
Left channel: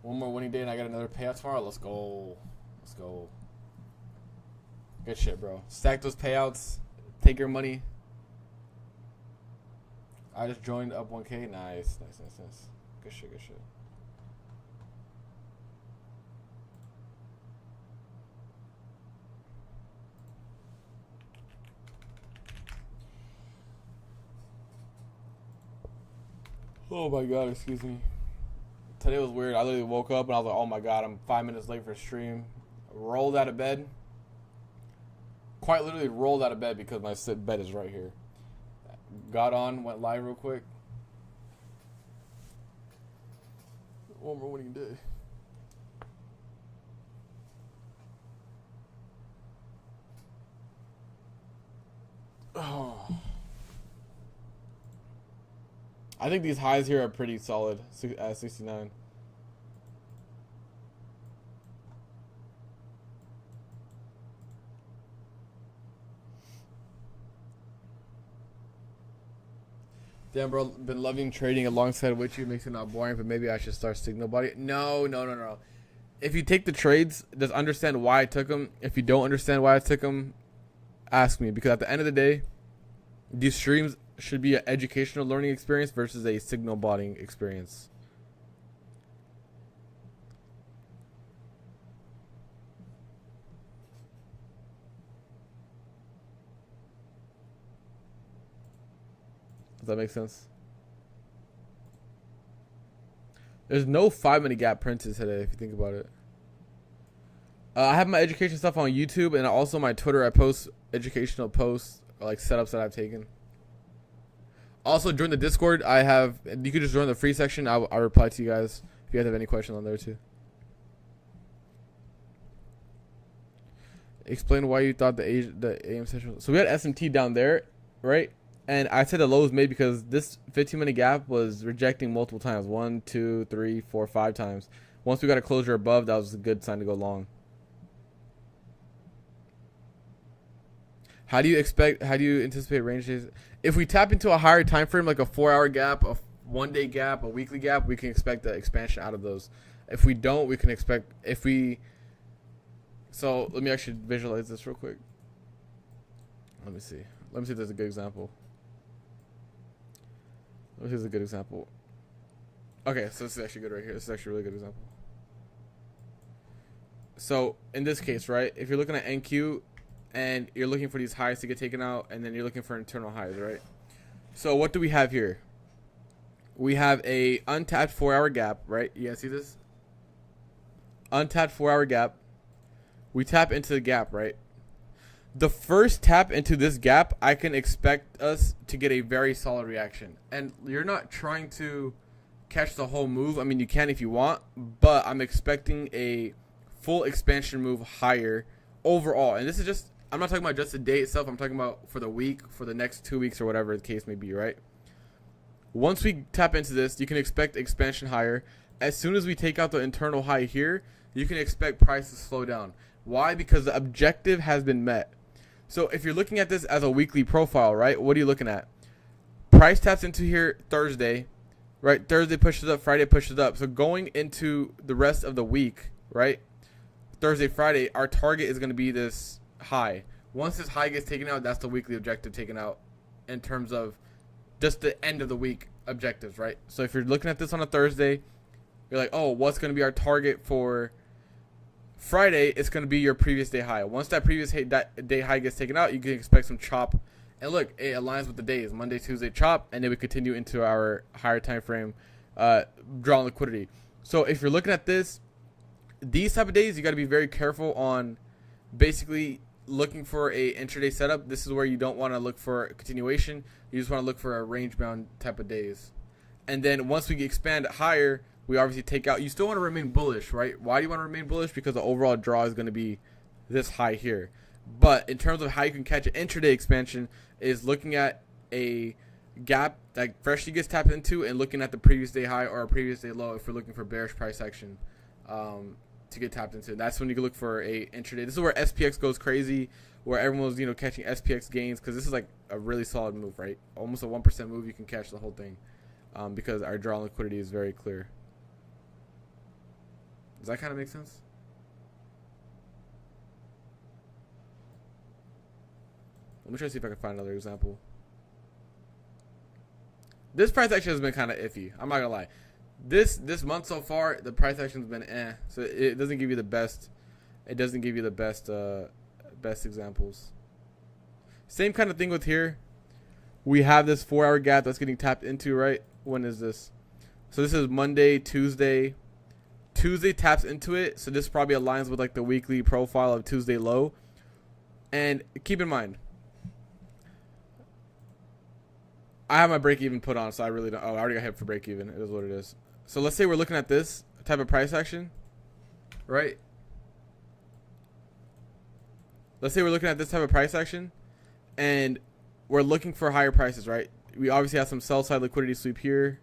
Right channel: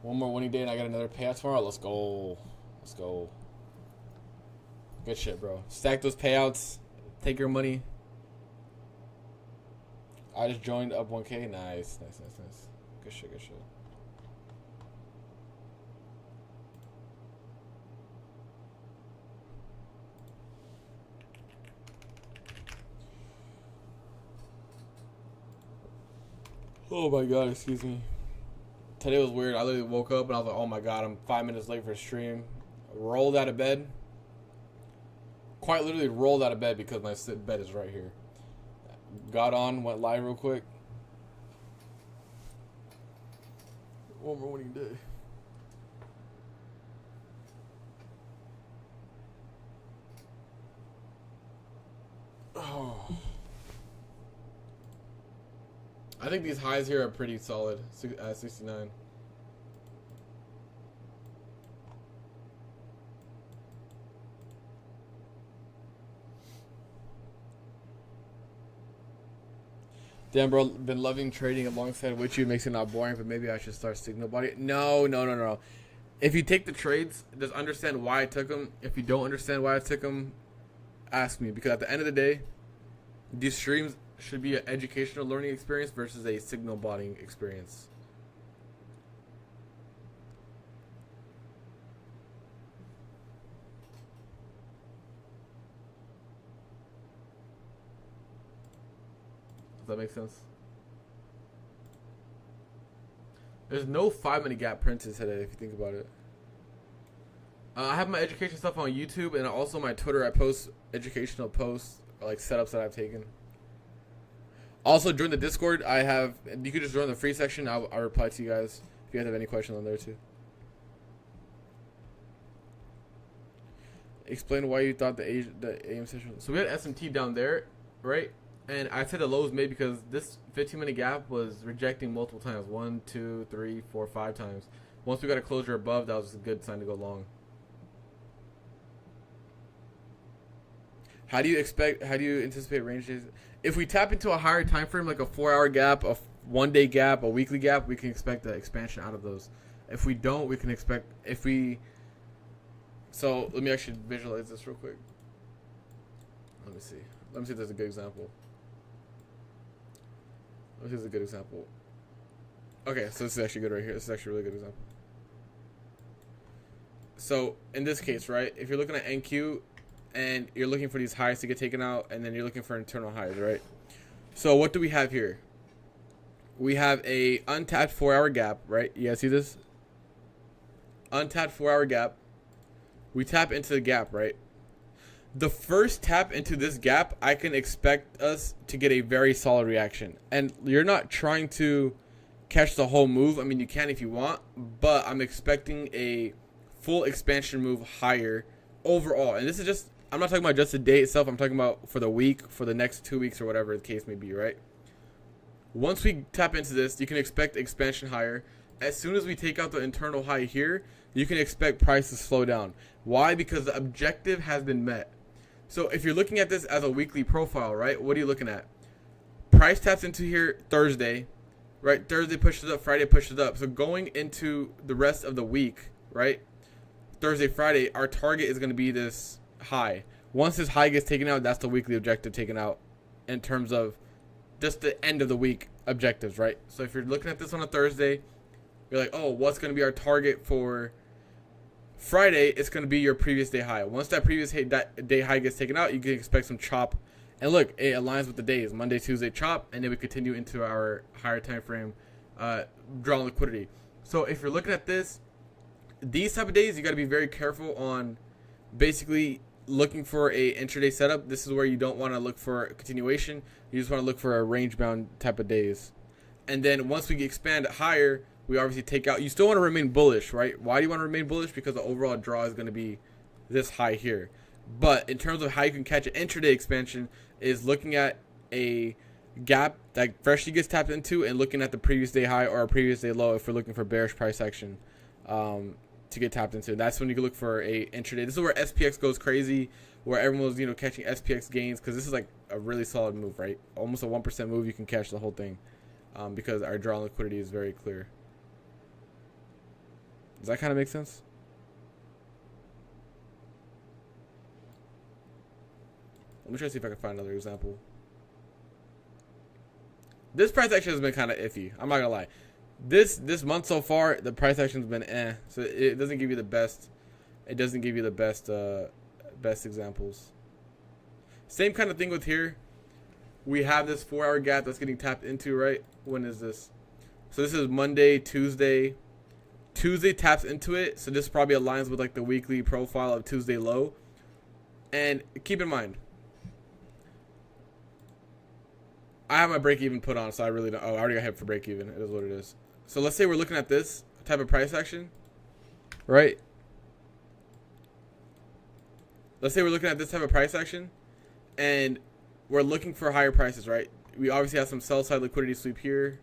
One more winning day and I got another payout tomorrow. Let's go. Let's go. Good shit, bro. Stack those payouts. Take your money. I just joined up 1K. Nice. Good shit, good shit. Oh my god, excuse me. Today was weird. I literally woke up and I was like, oh my god, I'm 5 minutes late for stream. Rolled out of bed. Quite literally rolled out of bed because my bed is right here. Got on, went live real quick. One more winning day. Oh. I think these highs here are pretty solid at 69. Damn, bro, been loving trading alongside with you. Makes it not boring, but maybe I should start signal body. No. If you take the trades, just understand why I took them. If you don't understand why I took them, ask me. Because at the end of the day, these streams should be an educational learning experience versus a signal botting experience. Does that make sense? There's no 5-minute gap printed today, if you think about it. I have my education stuff on YouTube and also my Twitter. I post educational posts, like setups that I've taken. Also, join the Discord. You could just join the free section. I'll reply to you guys if you guys have any questions on there too. Explain why you thought the AM session. So we had SMT down there, right? And I said the low was made because this 15-minute gap was rejecting multiple times. 1, 2, 3, 4, 5 times. Once we got a closure above, that was a good sign to go long. How do you anticipate range days? If we tap into a higher time frame, like a 4-hour gap, a 1-day gap, a weekly gap, we can expect the expansion out of those. If we don't, we can expect so let me actually visualize this real quick. Let me see if there's a good example. Here's a good example. Okay, so this is actually good right here. This is actually a really good example. So in this case, right, if you're looking at NQ and you're looking for these highs to get taken out, and then you're looking for internal highs, right? So what do we have here? We have a untapped 4-hour gap, right? You guys see this? Untapped 4-hour gap. We tap into the gap, right? The first tap into this gap, I can expect us to get a very solid reaction. And you're not trying to catch the whole move. I mean, you can if you want, but I'm expecting a full expansion move higher overall. And this is just, I'm not talking about just the day itself. I'm talking about for the week, for the next 2 weeks, or whatever the case may be, right? Once we tap into this, you can expect expansion higher. As soon as we take out the internal high here, you can expect price to slow down. Why? Because the objective has been met. So if you're looking at this as a weekly profile, right, what are you looking at? Price taps into here Thursday, right? Thursday pushes up, Friday pushes up. So going into the rest of the week, right, Thursday, Friday, our target is going to be this high. Once this high gets taken out, that's the weekly objective taken out in terms of just the end of the week objectives, right? So if you're looking at this on a Thursday, you're like, oh, what's going to be our target for Friday? It's going to be your previous day high. Once that previous day high gets taken out, you can expect some chop. And look, it aligns with the days. Monday, Tuesday, chop, and then we continue into our higher time frame, draw liquidity. So if you're looking at this, these type of days, you got to be very careful on basically looking for a intraday setup. This is where you don't want to look for a continuation. You just want to look for a range bound type of days. And then once we expand higher, we obviously take out. You still want to remain bullish, right? Why do you want to remain bullish? Because the overall draw is going to be this high here. But in terms of how you can catch an intraday expansion is looking at a gap that freshly gets tapped into and looking at the previous day high or a previous day low if we're looking for bearish price action to get tapped into. That's when you can look for a intraday. This is where SPX goes crazy, where everyone was catching SPX gains, because this is like a really solid move, right? Almost a 1% move. You can catch the whole thing because our draw on liquidity is very clear. Does that kind of make sense? Let me try to see if I can find another example. This price action has been kind of iffy. I'm not gonna lie. This month so far, the price action has been so it doesn't give you the best. It doesn't give you the best examples. Same kind of thing with here. We have this 4-hour gap that's getting tapped into, right? When is this? So this is Monday, Tuesday. Tuesday taps into it, so this probably aligns with like the weekly profile of Tuesday low. And keep in mind, I have my break even put on, so I really don't. Oh, I already got hit for break even. It is what it is. So let's say we're looking at this type of price action, right? Let's say we're looking at this type of price action, and we're looking for higher prices, right? We obviously have some sell side liquidity sweep here.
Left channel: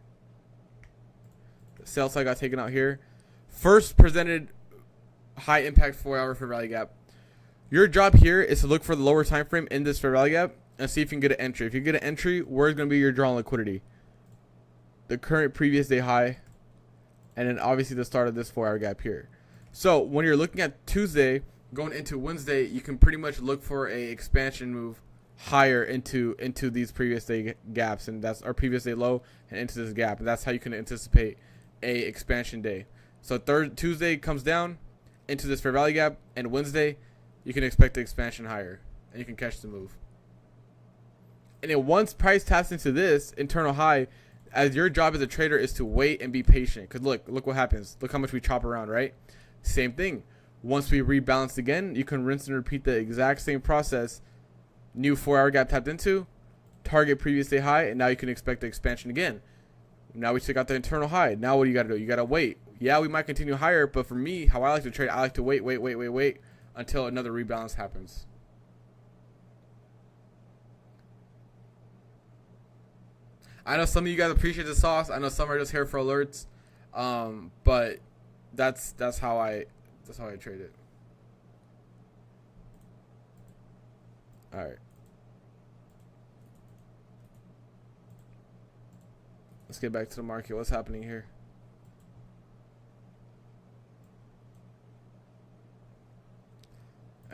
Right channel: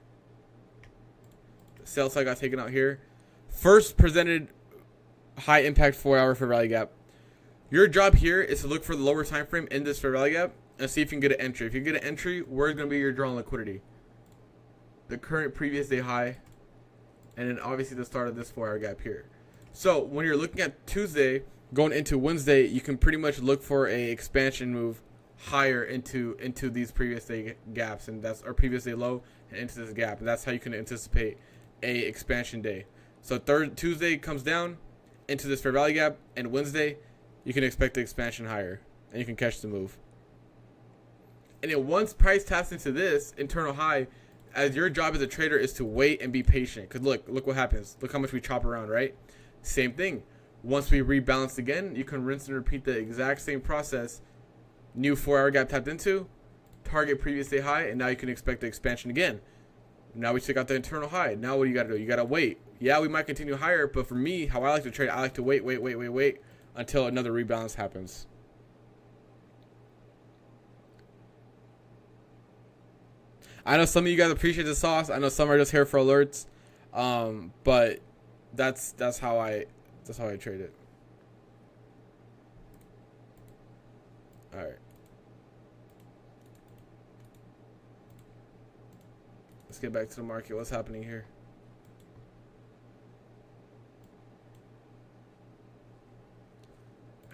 Sell side got taken out here. First presented high impact 4-hour fair value gap. Your job here is to look for the lower time frame in this fair value gap and see if you can get an entry. If you get an entry, where's going to be your draw on liquidity? The current previous day high, and then obviously the start of this 4-hour gap here. So when you're looking at Tuesday going into Wednesday, you can pretty much look for a expansion move higher into these previous day gaps, and that's our previous day low and into this gap, and that's how you can anticipate a expansion day. So Tuesday comes down into this fair value gap, and Wednesday you can expect the expansion higher, and you can catch the move. And then once price taps into this internal high, as your job as a trader is to wait and be patient. Because look what happens. Look how much we chop around, right? Same thing. Once we rebalance again, you can rinse and repeat the exact same process. New 4-hour gap tapped into, target previous day high, and now you can expect the expansion again. Now we check out the internal high. Now what do? You got to wait. Yeah, we might continue higher, but for me, how I like to trade, I like to wait until another rebalance happens. I know some of you guys appreciate the sauce. I know some are just here for alerts, but that's how I trade it. All right, let's get back to the market. What's happening here?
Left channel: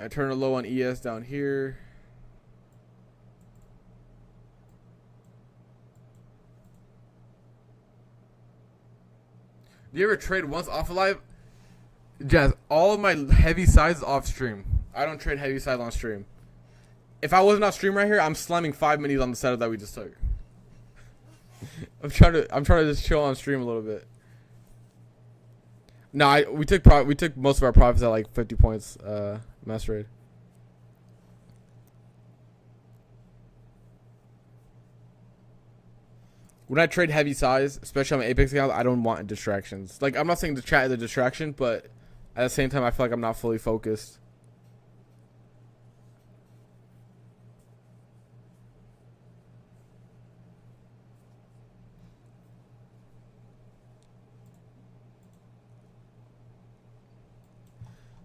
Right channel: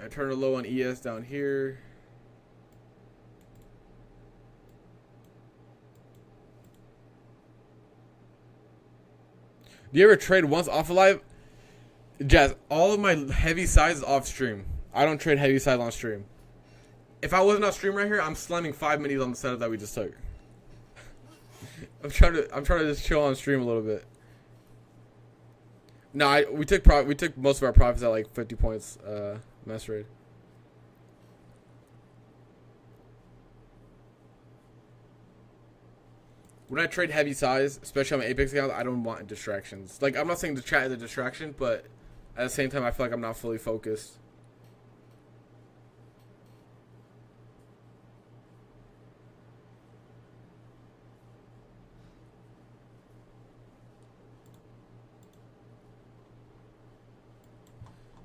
I turn a low on ES down here. Do you ever trade once off live? Jazz, all of my heavy size is off stream. I don't trade heavy side on stream. If I wasn't off stream right here, I'm slamming 5 minis on the setup that we just took. I'm trying to just chill on stream a little bit. No, we took most of our profits at like 50 points mass trade. When I trade heavy size, especially on my Apex account, I don't want distractions. Like, I'm not saying the chat is a distraction, but at the same time, I feel like I'm not fully focused.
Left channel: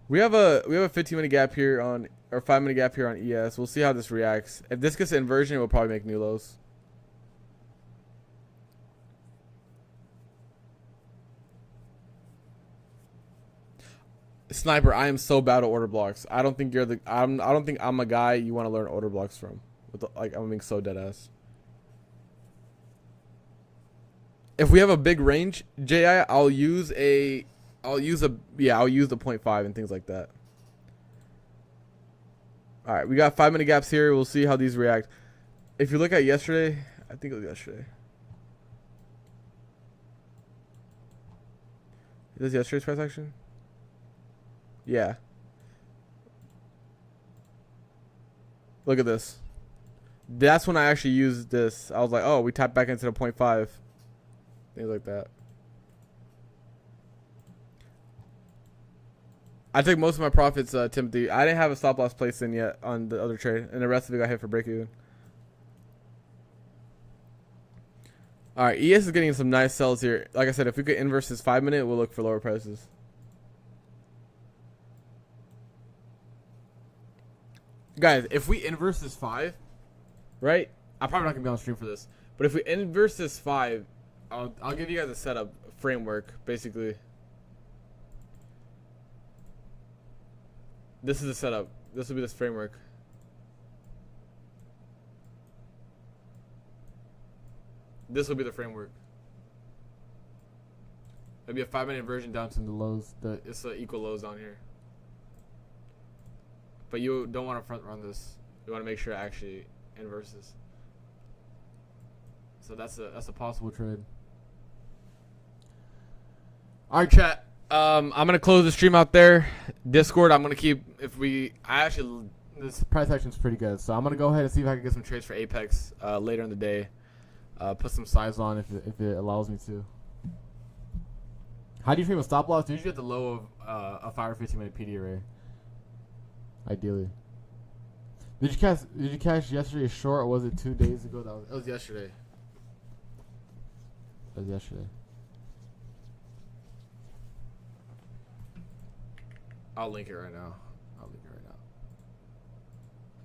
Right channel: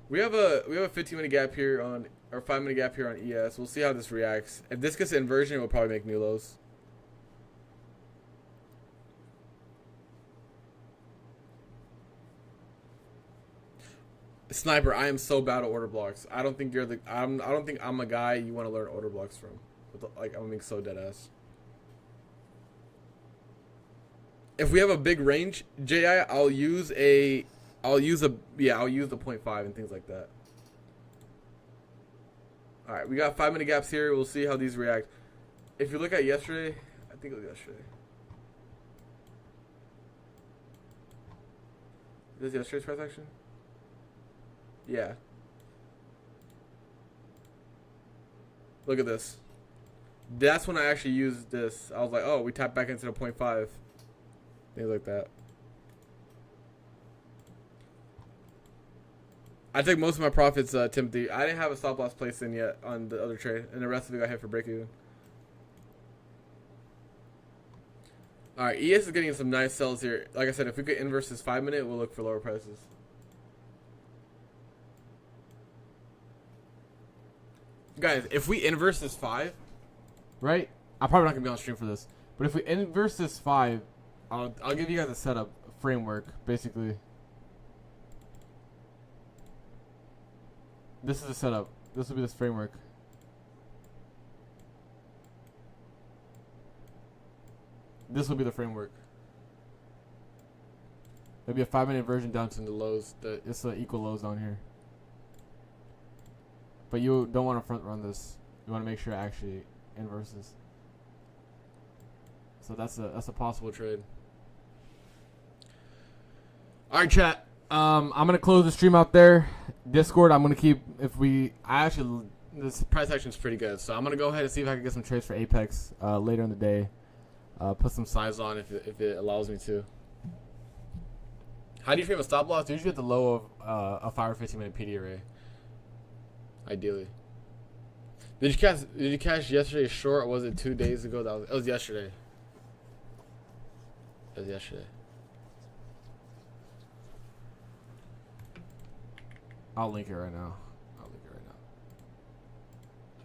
We have a 15-minute gap here on, or 5-minute gap here on ES. We'll see how this reacts. If this gets an inversion, we'll probably make new lows. Sniper, I am so bad at order blocks. I don't think you're the. I don't think I'm a guy you want to learn order blocks from. Like, I'm being so dead ass. If we have a big range, JI, I'll use the 0.5 and things like that. All right, we got 5-minute gaps here. We'll see how these react. If you look at yesterday, I think it was yesterday. This is yesterday's price action? Yeah. Look at this. That's when I actually used this. I was like, oh, we tapped back into the 0.5. Things like that. I took most of my profits, Timothy. I didn't have a stop loss placed in yet on the other trade, and the rest of it got hit for break even. All right, ES is getting some nice sells here. Like I said, if we could inverse this 5 minute, we'll look for lower prices. Guys, if we inverse this 5, right? I'm probably not gonna be on stream for this, but if we inverse this 5, I'll give you guys a setup framework. Basically, this is a setup. This will be this framework. This will be the framework. There'll be a 5 minute inversion down to the lows. It's the equal lows on here. But you don't want to front run this. You want to make sure it actually inverses. So that's a possible trade. All right, chat. I'm gonna close the stream out there. Discord, I'm gonna keep. This price action is pretty good. So I'm gonna go ahead and see if I can get some trades for Apex later in the day. Put some size on if it allows me to. How do you frame a stop loss? Usually at the low of a 5 or 15 minute PD array. Ideally. Did you catch yesterday short, or was it 2 days ago? It was yesterday. It was yesterday. I'll link it right now.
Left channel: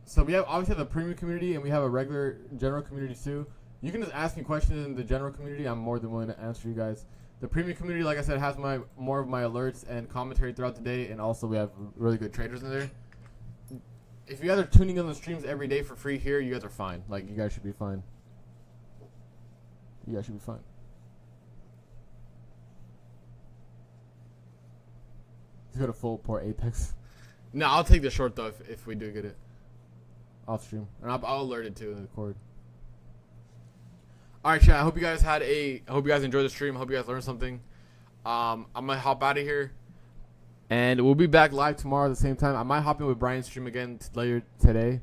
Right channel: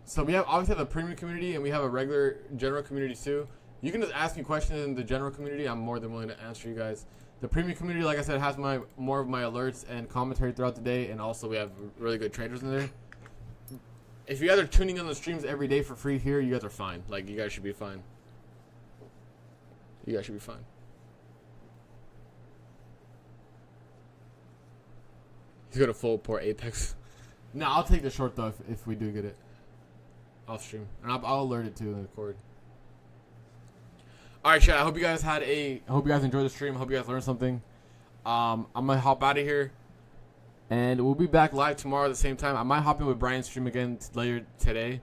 So we obviously have a premium community, and we have a regular general community too. You can just ask me questions in the general community. I'm more than willing to answer you guys. The premium community, like I said, has more of my alerts and commentary throughout the day, and also we have really good traders in there. If you guys are tuning in the streams every day for free here, you guys are fine. Like, you guys should be fine. You guys should be fine. He's gonna full port Apex. No, I'll take the short though if we do get it off stream, and I'll alert it too in the cord. All right, chat. I hope you guys enjoyed the stream. I hope you guys learned something. I'm gonna hop out of here, and we'll be back live tomorrow at the same time. I might hop in with Brian's stream again later today.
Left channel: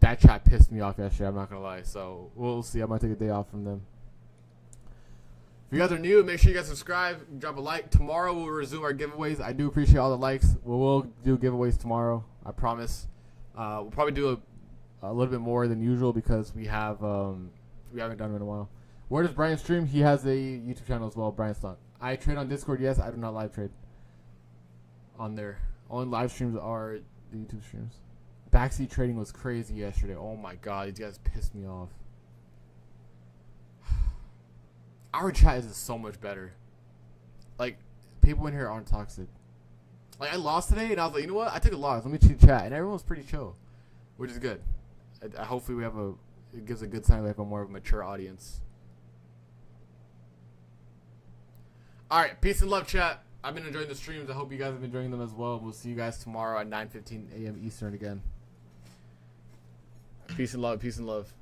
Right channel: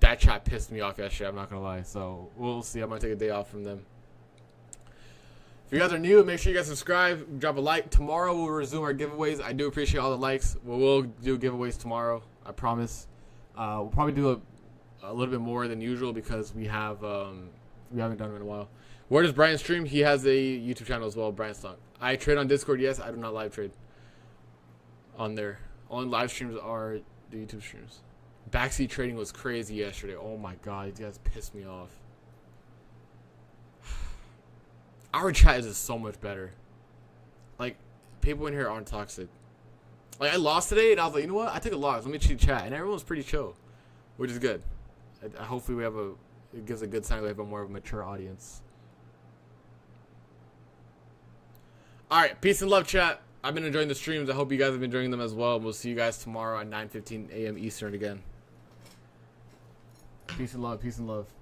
That chat pissed me off yesterday. I'm not gonna lie. So we'll see. I might take a day off from them. If you guys are new, make sure you guys subscribe, drop a like. Tomorrow we'll resume our giveaways. I do appreciate all the likes. We will do giveaways tomorrow. I promise. We'll probably do a little bit more than usual because we haven't done it in a while. Where does Brian stream? He has a YouTube channel as well, Brian Stock. I trade on Discord, yes. I do not live trade on there. Only live streams are the YouTube streams. Backseat trading was crazy yesterday. Oh my god, these guys pissed me off. Our chat is just so much better. Like, people in here aren't toxic. Like, I lost today, and I was like, you know what? I took a loss. Let me cheat chat. And everyone's pretty chill, which is good. Hopefully it gives a good sign we have a more of a mature audience. All right, peace and love, chat. I've been enjoying the streams. I hope you guys have been enjoying them as well. We'll see you guys tomorrow at 9:15 a.m. Eastern again. Peace and love. Peace and love.